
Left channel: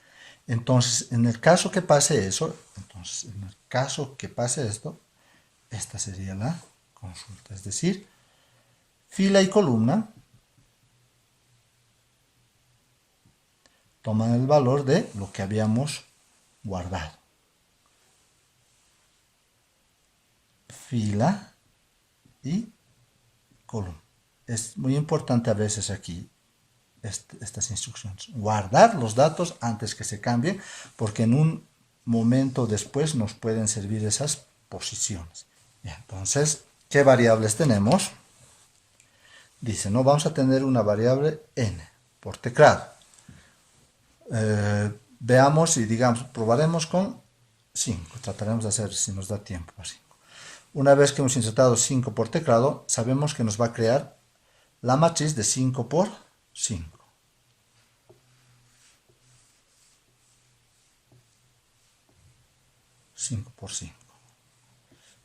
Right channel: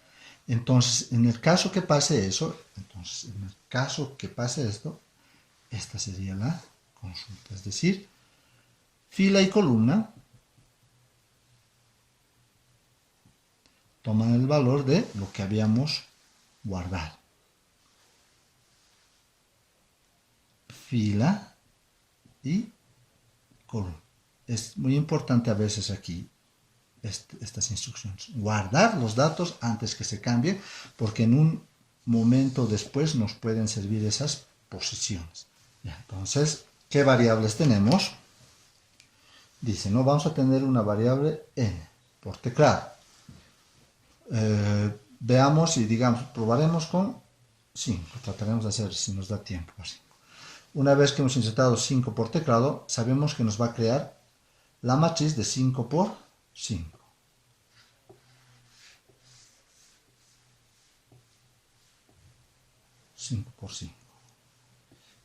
Entonces, en el caso que pase eso, esta sería la consulta. Es decir, fila y columna toman el valor de lo que habíamos guardado. Fila y columna. Es muy importante a veces aquí estas instrucciones. Guardar los datos antes que se cambien, porque en un momento después nos pueden servir esas posiciones. Bien, entonces, ¿qué variables tenemos? Dice, no, vamos a tener una variable n por teclado. Veamos y digamos, probaremos con 5. Trataremos de hacer, si nos da tiempo, así. Una vez que hemos insertado 5 por teclado, sabemos que nos va a crear la matriz de 5 por 5.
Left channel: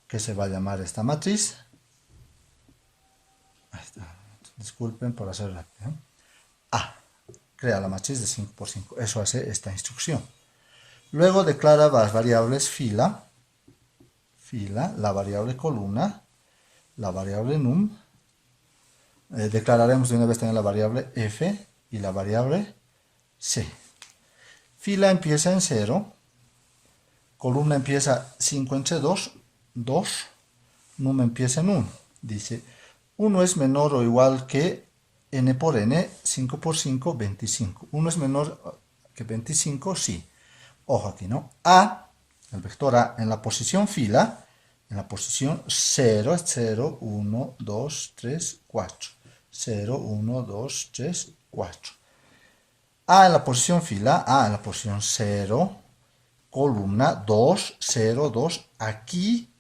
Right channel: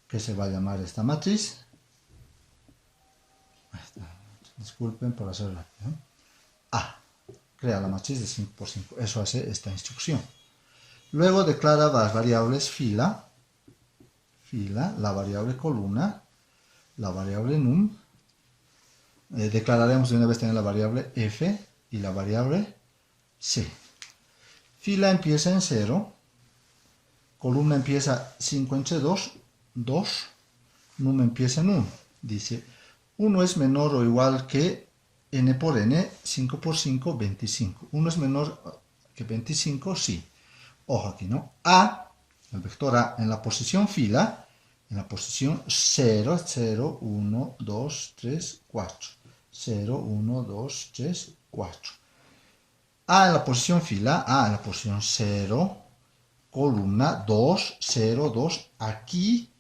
¿Qué se va a llamar esta matriz? Ahí está. Disculpen por hacer rápido. A. Crea la matriz de 5 por 5. Eso hace esta instrucción. Luego declara las variables fila, la variable columna, la variable num. Declararemos de una vez también la variable f y la variable c. Fila empieza en 0. Columna empieza 5 entre 2, 2. Num empieza en 1. Dice, 1 es menor o igual que n por n, 5 por 5, 25. 1 es menor que 25, sí. Ojo aquí, ¿no? A, el vector A, en la posición fila, en la posición 0, es 0, 1, 2, 3, 4. 0, 1, 2, 3, 4. A en la posición fila, A en la posición 0, columna 2, 0, 2. Aquí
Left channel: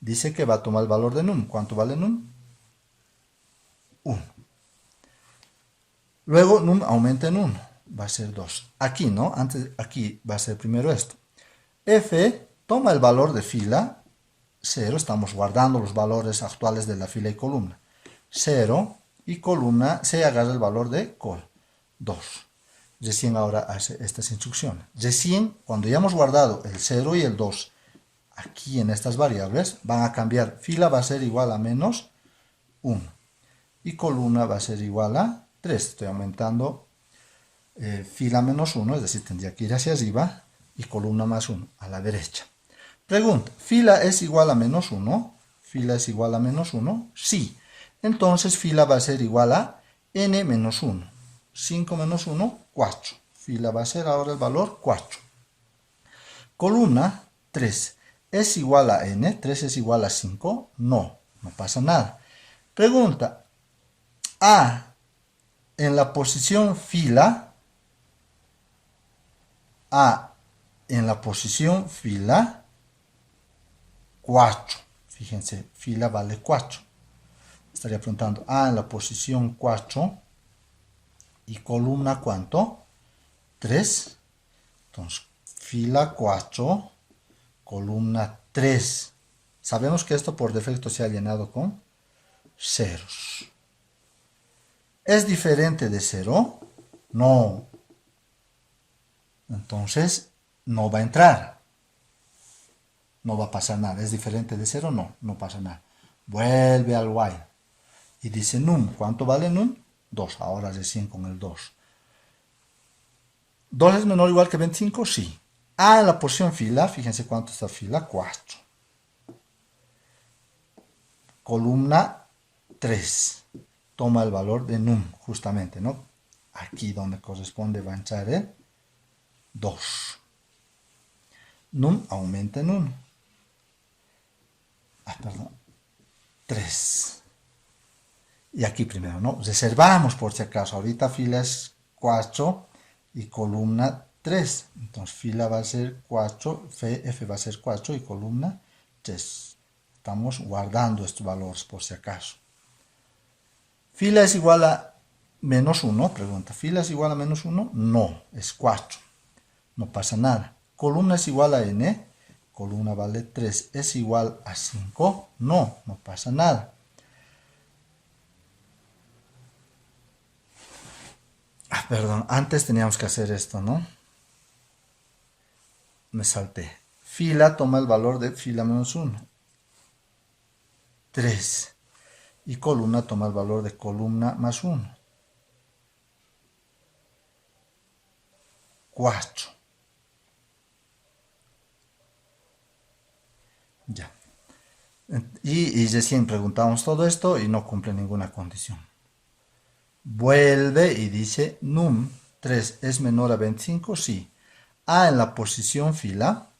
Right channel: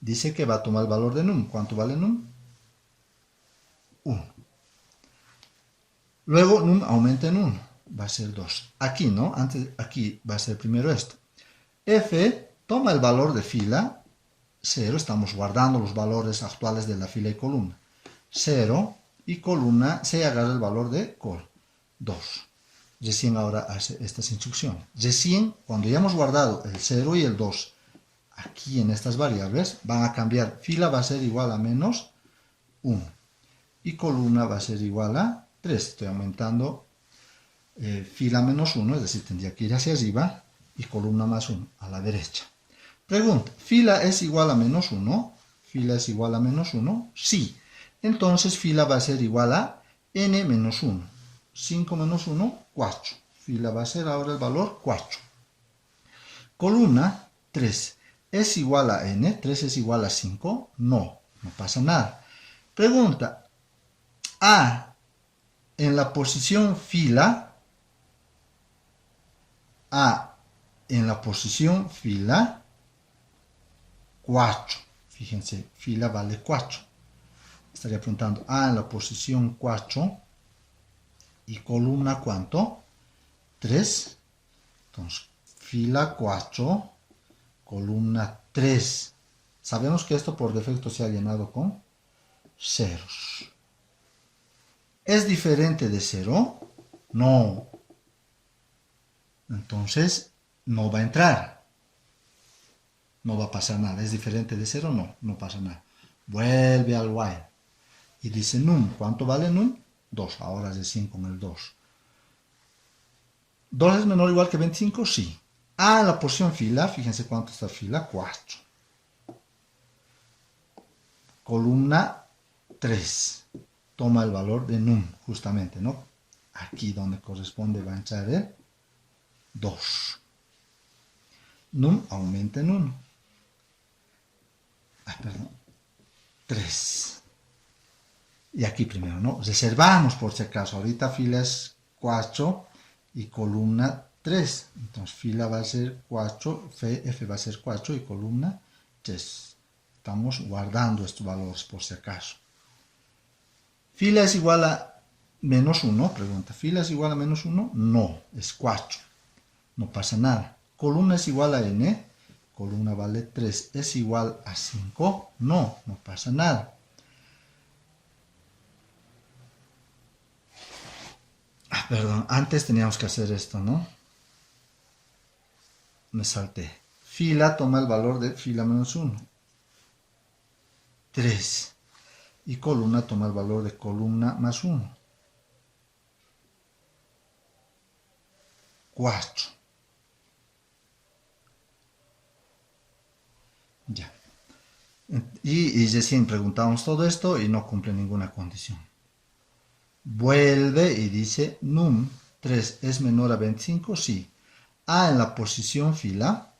dice que va a tomar el valor de num. ¿Cuánto vale num? 1. Luego num aumenta en 1. Va a ser 2. Aquí, ¿no? Aquí va a ser primero esto. F toma el valor de fila, 0. Estamos guardando los valores actuales de la fila y columna. 0. Y columna se agarra el valor de col, 2. Recién ahora hace estas instrucciones. Recién, cuando ya hemos guardado el 0 y el 2 aquí en estas variables, van a cambiar. Fila va a ser igual a menos 1. Y columna va a ser igual a 3. Estoy aumentando fila menos 1, es decir, tendría que ir hacia arriba, y columna más 1 a la derecha. Pregunta, ¿fila es igual a menos 1? ¿Fila es igual a menos 1? Sí. Entonces fila va a ser igual a n menos 1. 5 menos 1, 4. Fila va a ser ahora el valor 4. Columna 3. ¿Es igual a n? ¿3 es igual a 5? No, no pasa nada. Pregunta, A en la posición fila, A en la posición fila 4. Fíjense, fila vale 4. Estaría preguntando A en la posición 4 y columna ¿cuánto? 3. Entonces, fila 4, columna 3. Sabemos que esto por defecto se ha llenado con ceros. ¿Es diferente de 0? No. Entonces, no va a entrar. No va a pasar nada. ¿Es diferente de 0? No, no pasa nada. Vuelve al while. Y dice num. ¿Cuánto vale num? 2. Ahora recién con el 2. ¿2 es menor o igual que 25? Sí. A en la posición fila, fíjense cuánto está fila, 4. Columna 3. Toma el valor de num, justamente, ¿no? Aquí donde corresponde va a entrar el 2. Num aumenta en 1. Perdón. 3. Y aquí primero, ¿no? Reservamos por si acaso. Ahorita fila es 4 y columna 3. Entonces fila va a ser 4, F va a ser 4 y columna 3. Estamos guardando estos valores por si acaso. Fila es igual a Menos 1, pregunta, ¿fila es igual a menos 1? No, es 4. No pasa nada. Columna es igual a n, columna vale 3, ¿es igual a 5? No, no pasa nada. Perdón, antes teníamos que hacer esto, ¿no? Me salté. Fila toma el valor de fila menos 1. 3. Y columna toma el valor de columna más 1. 4. Ya. Y recién preguntamos todo esto y no cumple ninguna condición. Vuelve y dice, num 3 es menor a 25, sí. A en la posición fila,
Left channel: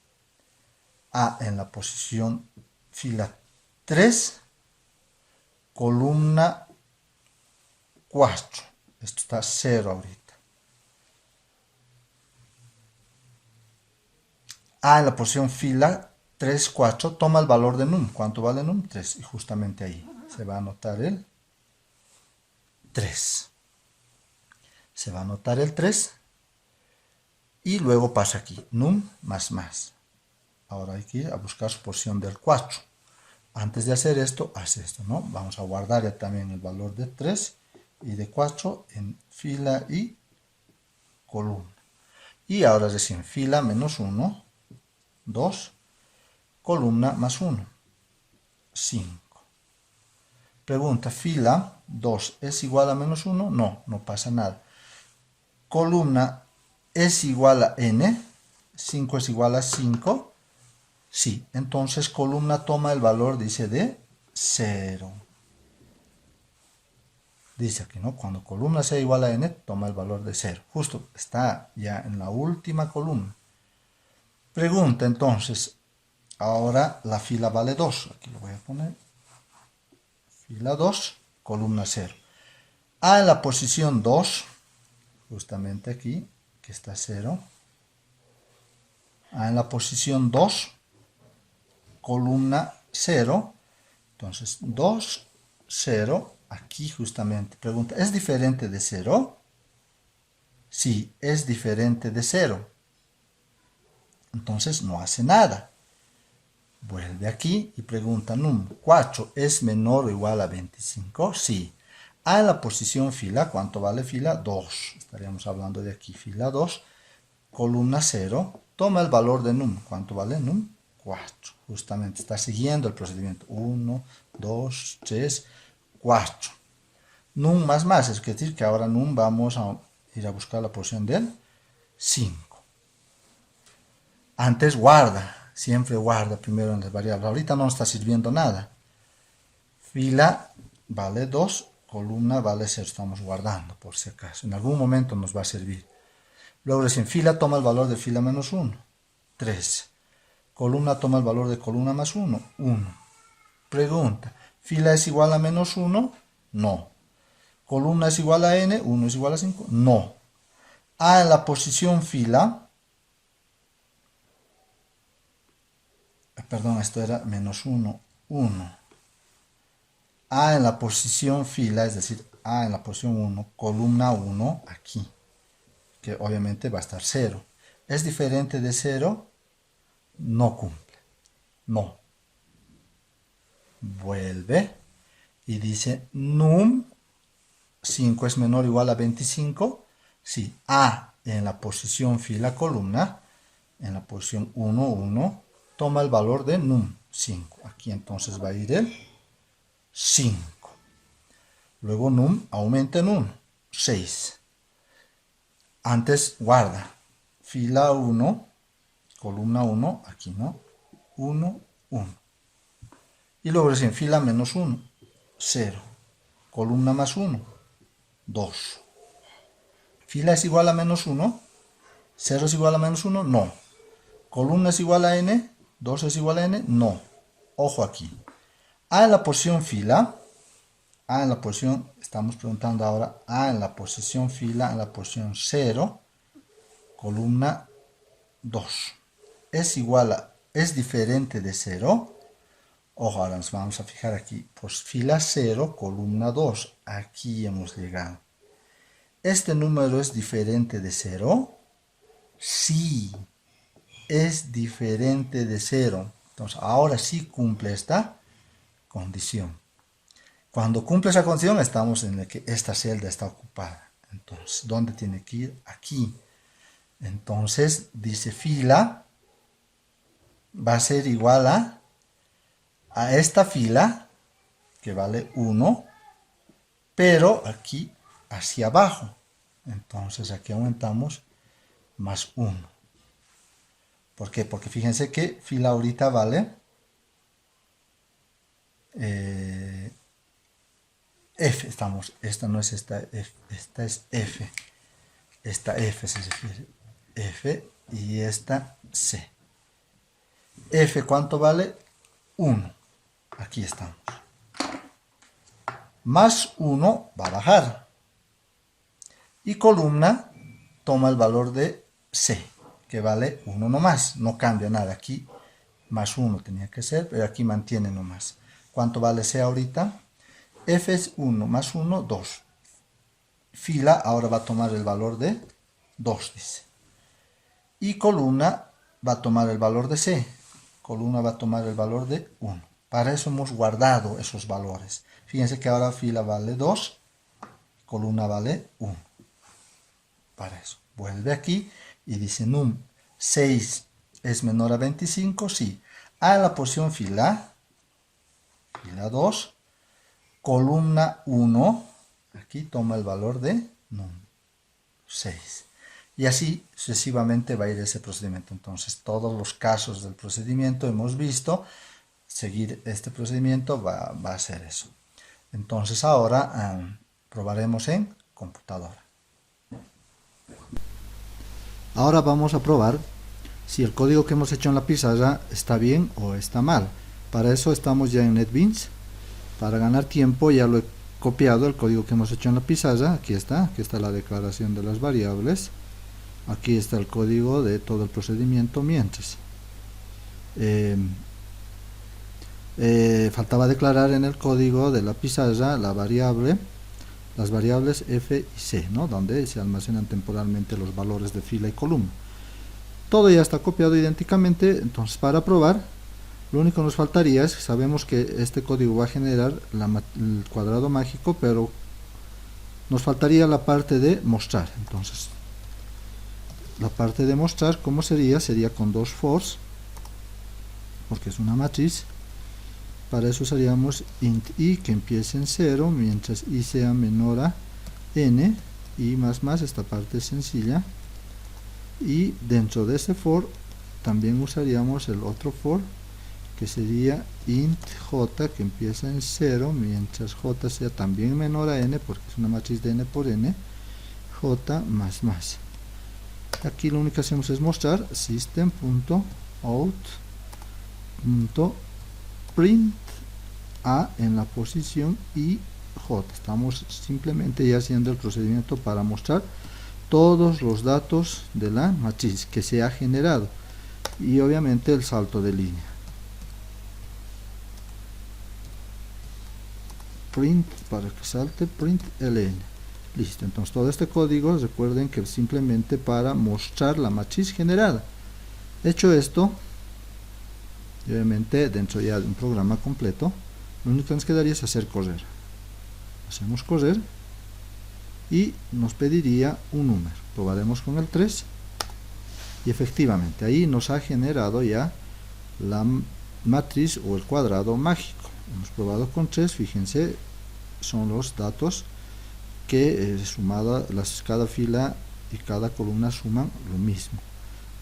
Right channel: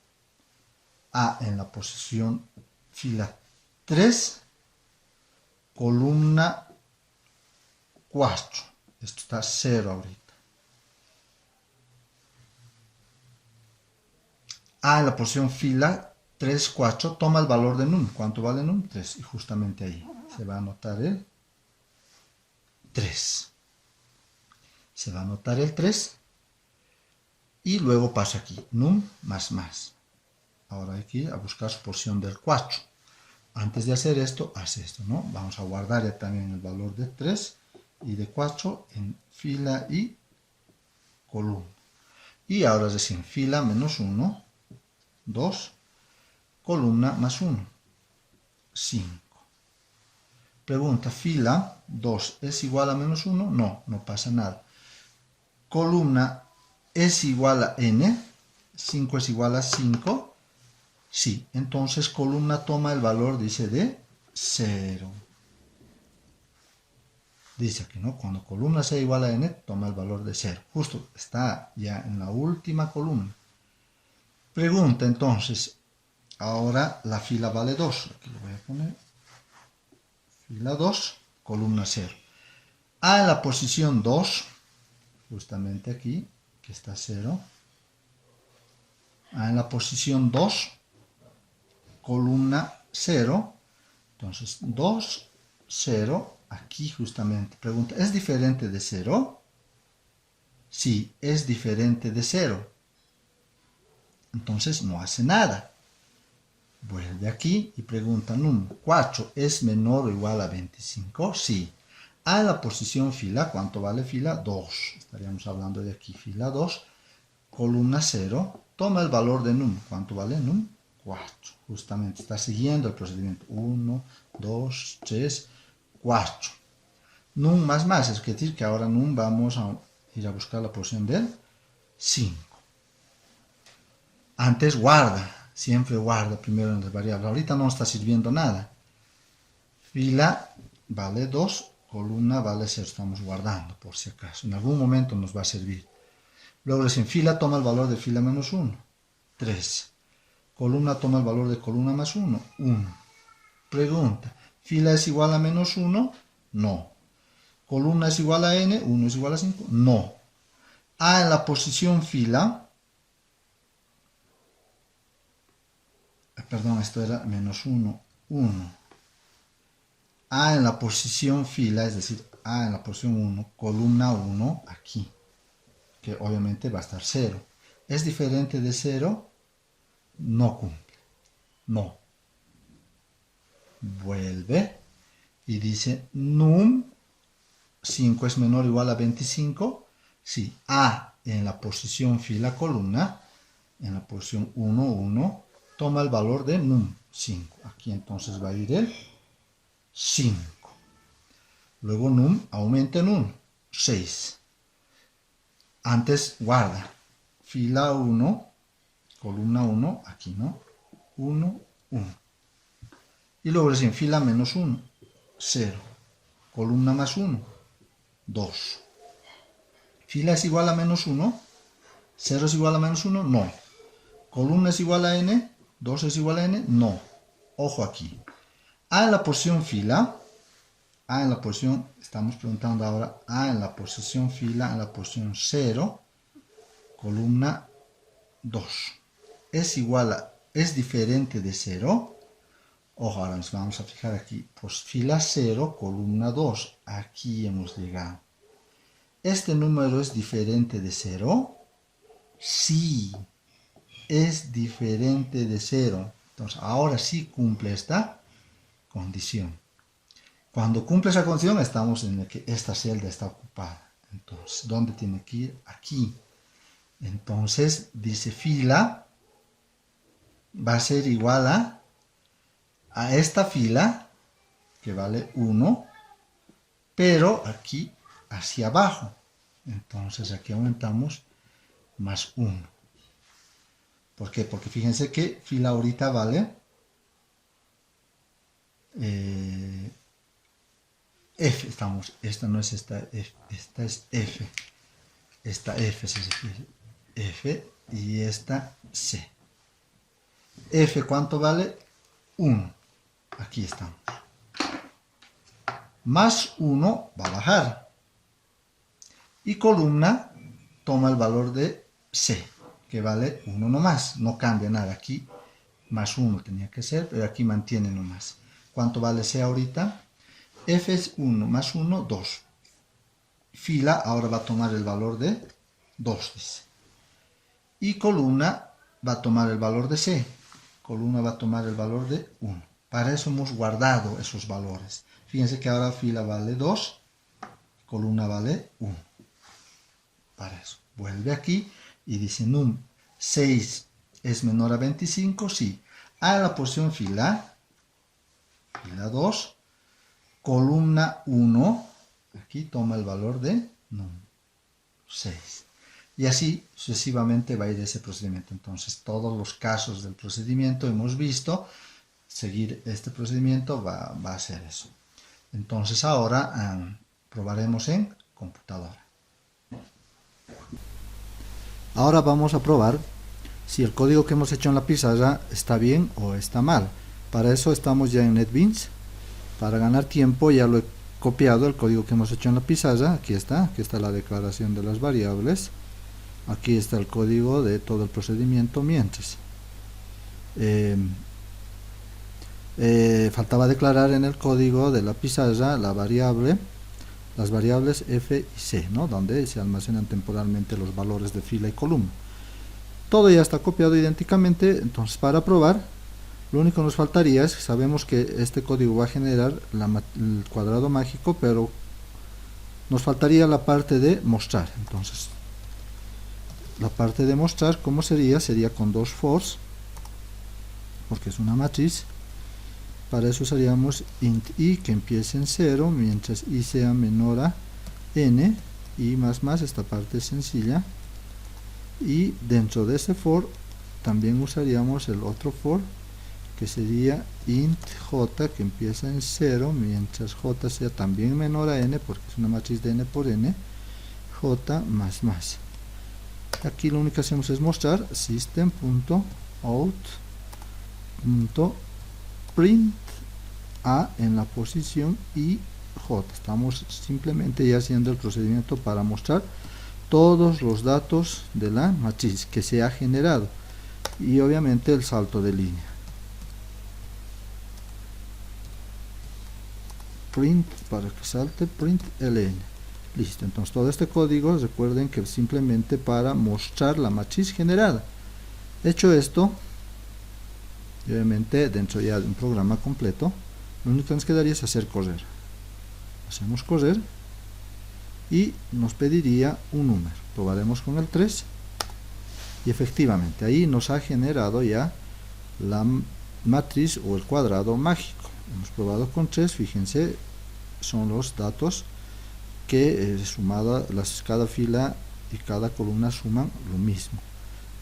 A en la posición fila 3, columna 4. Esto está 0 ahorita. A en la posición fila 3, 4, toma el valor de num. ¿Cuánto vale num? 3. Y justamente ahí se va a anotar el 3. Se va a anotar el 3 y luego pasa aquí, num más más. Ahora hay que ir a buscar su posición del 4. Antes de hacer esto, hace esto, ¿no? Vamos a guardar ya también el valor de 3 y de 4 en fila y columna. Y ahora recién fila menos 1, 2, columna más 1, 5. Pregunta, fila 2 es igual a menos 1? No, no pasa nada. Columna es igual a n, 5 es igual a 5. Sí, entonces columna toma el valor, dice, de 0. Dice aquí, ¿no? Cuando columna sea igual a n, toma el valor de 0. Justo está ya en la última columna. Pregunta, entonces, ahora la fila vale 2. Aquí lo voy a poner. Fila 2, columna 0. A en la posición 2, justamente aquí, que está 0. A en la posición 2, columna 0, entonces 2, 0, aquí justamente, pregunta, ¿es diferente de 0? Sí, es diferente de 0, entonces no hace nada. Vuelve aquí y pregunta, num 4 es menor o igual a 25, sí. A en la posición fila, ¿cuánto vale fila? 2, estaríamos hablando de aquí, fila 2, columna 0, toma el valor de num, ¿cuánto vale num? 4, justamente está siguiendo el procedimiento, 1, 2, 3, 4. Num más más, es decir que ahora num vamos a ir a buscar la posición del 5. Antes guarda, siempre guarda primero en las variables, ahorita no está sirviendo nada. Fila vale 2, columna vale 0, estamos guardando por si acaso, en algún momento nos va a servir. Luego en fila toma el valor de fila menos 1, 3. Columna toma el valor de columna más 1, 1. Pregunta, ¿fila es igual a menos 1? No. ¿Columna es igual a n? 1 es igual a 5? No. A en la posición fila, perdón, esto era menos 1, 1. A en la posición fila, es decir, A en la posición 1, columna 1, aquí, que obviamente va a estar 0. ¿Es diferente de 0? No cumple. No. Vuelve y dice num 5 es menor o igual a 25. Sí, A en la posición fila columna, en la posición 1, 1, toma el valor de num 5. Aquí entonces va a ir el 5. Luego num aumenta en 1, 6. Antes guarda. Fila 1, columna 1, aquí no, 1, 1. Y luego es en fila menos 1, 0. Columna más 1, 2. Fila es igual a menos 1, 0 es igual a menos 1, no. Columna es igual a n, 2 es igual a n, no. Ojo aquí. A en la posición fila, A en la posición, estamos preguntando ahora, A en la posición fila, en la posición 0, columna 2. Es igual a, es diferente de 0. Ojo, ahora nos vamos a fijar aquí, pues fila 0, columna 2. Aquí hemos llegado. ¿este número es diferente de 0? Sí, es diferente de 0. Entonces, ahora sí cumple esta condición. Cuando cumple esa condición, estamos en el que esta celda está ocupada. Entonces, ¿dónde tiene que ir? Aquí. Entonces, dice fila va a ser igual a esta fila, que vale 1, pero aquí hacia abajo. Entonces, aquí aumentamos más 1. ¿Por qué? Porque fíjense que fila ahorita vale F. Esta no es esta F, esta es F. Esta F se refiere. F y esta C. F, ¿cuánto vale? 1. Aquí estamos. Más 1 va a bajar. Y columna toma el valor de C, que vale 1 nomás. No cambia nada. Aquí más 1 tenía que ser, pero aquí mantiene nomás. ¿Cuánto vale C ahorita? F es 1 más 1, 2. Fila ahora va a tomar el valor de 2, dice. Y columna va a tomar el valor de C. Columna va a tomar el valor de 1. Para eso hemos guardado esos valores. Fíjense que ahora fila vale 2, columna vale 1. Para eso. Vuelve aquí y dice num 6 es menor a 25, sí. A la posición fila 2, columna 1, aquí toma el valor de num 6. Y así sucesivamente va a ir ese procedimiento. Entonces, todos los casos del procedimiento hemos visto, seguir este procedimiento va a ser eso. Entonces, ahora probaremos en computadora. Ahora vamos a probar si el código que hemos hecho en la pizarra está bien o está mal. Para eso estamos ya en NetBeans. Para ganar tiempo ya lo he copiado el código que hemos hecho en la pizarra. Aquí está la declaración de las variables. Aquí está el código de todo el procedimiento mientras. Faltaba declarar en el código de la pizarra las variables f y c, ¿no? Donde se almacenan temporalmente los valores de fila y columna. Todo ya está copiado idénticamente. Entonces, para probar, lo único que nos faltaría es, sabemos que este código va a generar el cuadrado mágico, pero nos faltaría la parte de mostrar. Entonces, la parte de mostrar, ¿cómo sería? Sería con dos fors, porque es una matriz. Para eso usaríamos int i, que empiece en 0, mientras i sea menor a n, y más, esta parte es sencilla. Y dentro de ese for, también usaríamos el otro for, que sería int j, que empieza en 0, mientras j sea también menor a n, porque es una matriz de n por n, j más. Aquí lo único que hacemos es mostrar system.out.print a en la posición y j. Estamos simplemente ya haciendo el procedimiento para mostrar todos los datos de la matriz que se ha generado y obviamente el salto de línea. Print, para que salte, print ln. Listo. Entonces todo este código, recuerden que simplemente para mostrar la matriz generada. Hecho esto, obviamente dentro ya de un programa completo, lo único que nos quedaría es hacer correr. Hacemos correr y nos pediría un número. Probaremos con el 3 y efectivamente ahí nos ha generado ya la matriz o el cuadrado mágico. Hemos probado con 3, fíjense, son los datos que sumada cada fila y cada columna suman lo mismo.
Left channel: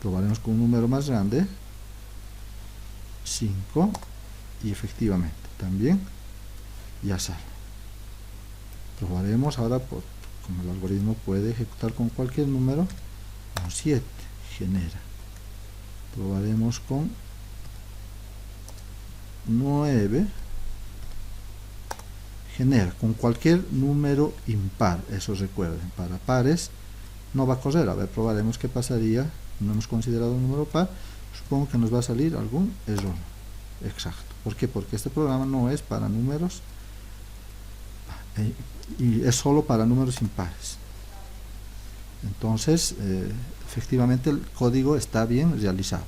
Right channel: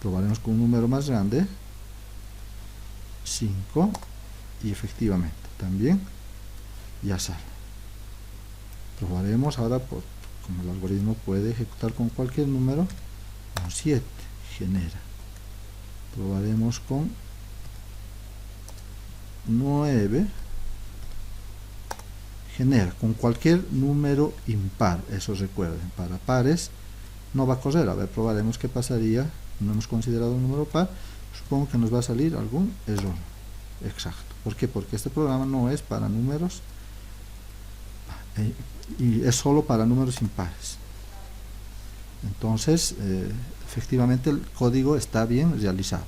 Probaremos con un número más grande, 5, y efectivamente también ya sale. Probaremos ahora, como el algoritmo puede ejecutar con cualquier número, con 7 genera. Probaremos con 9, genera con cualquier número impar. Eso recuerden, para pares no va a correr. A ver, probaremos qué pasaría. No hemos considerado un número par. Supongo que nos va a salir algún error. Exacto. ¿Por qué? Porque este programa no es para números y es solo para números impares. Entonces, efectivamente el código está bien realizado.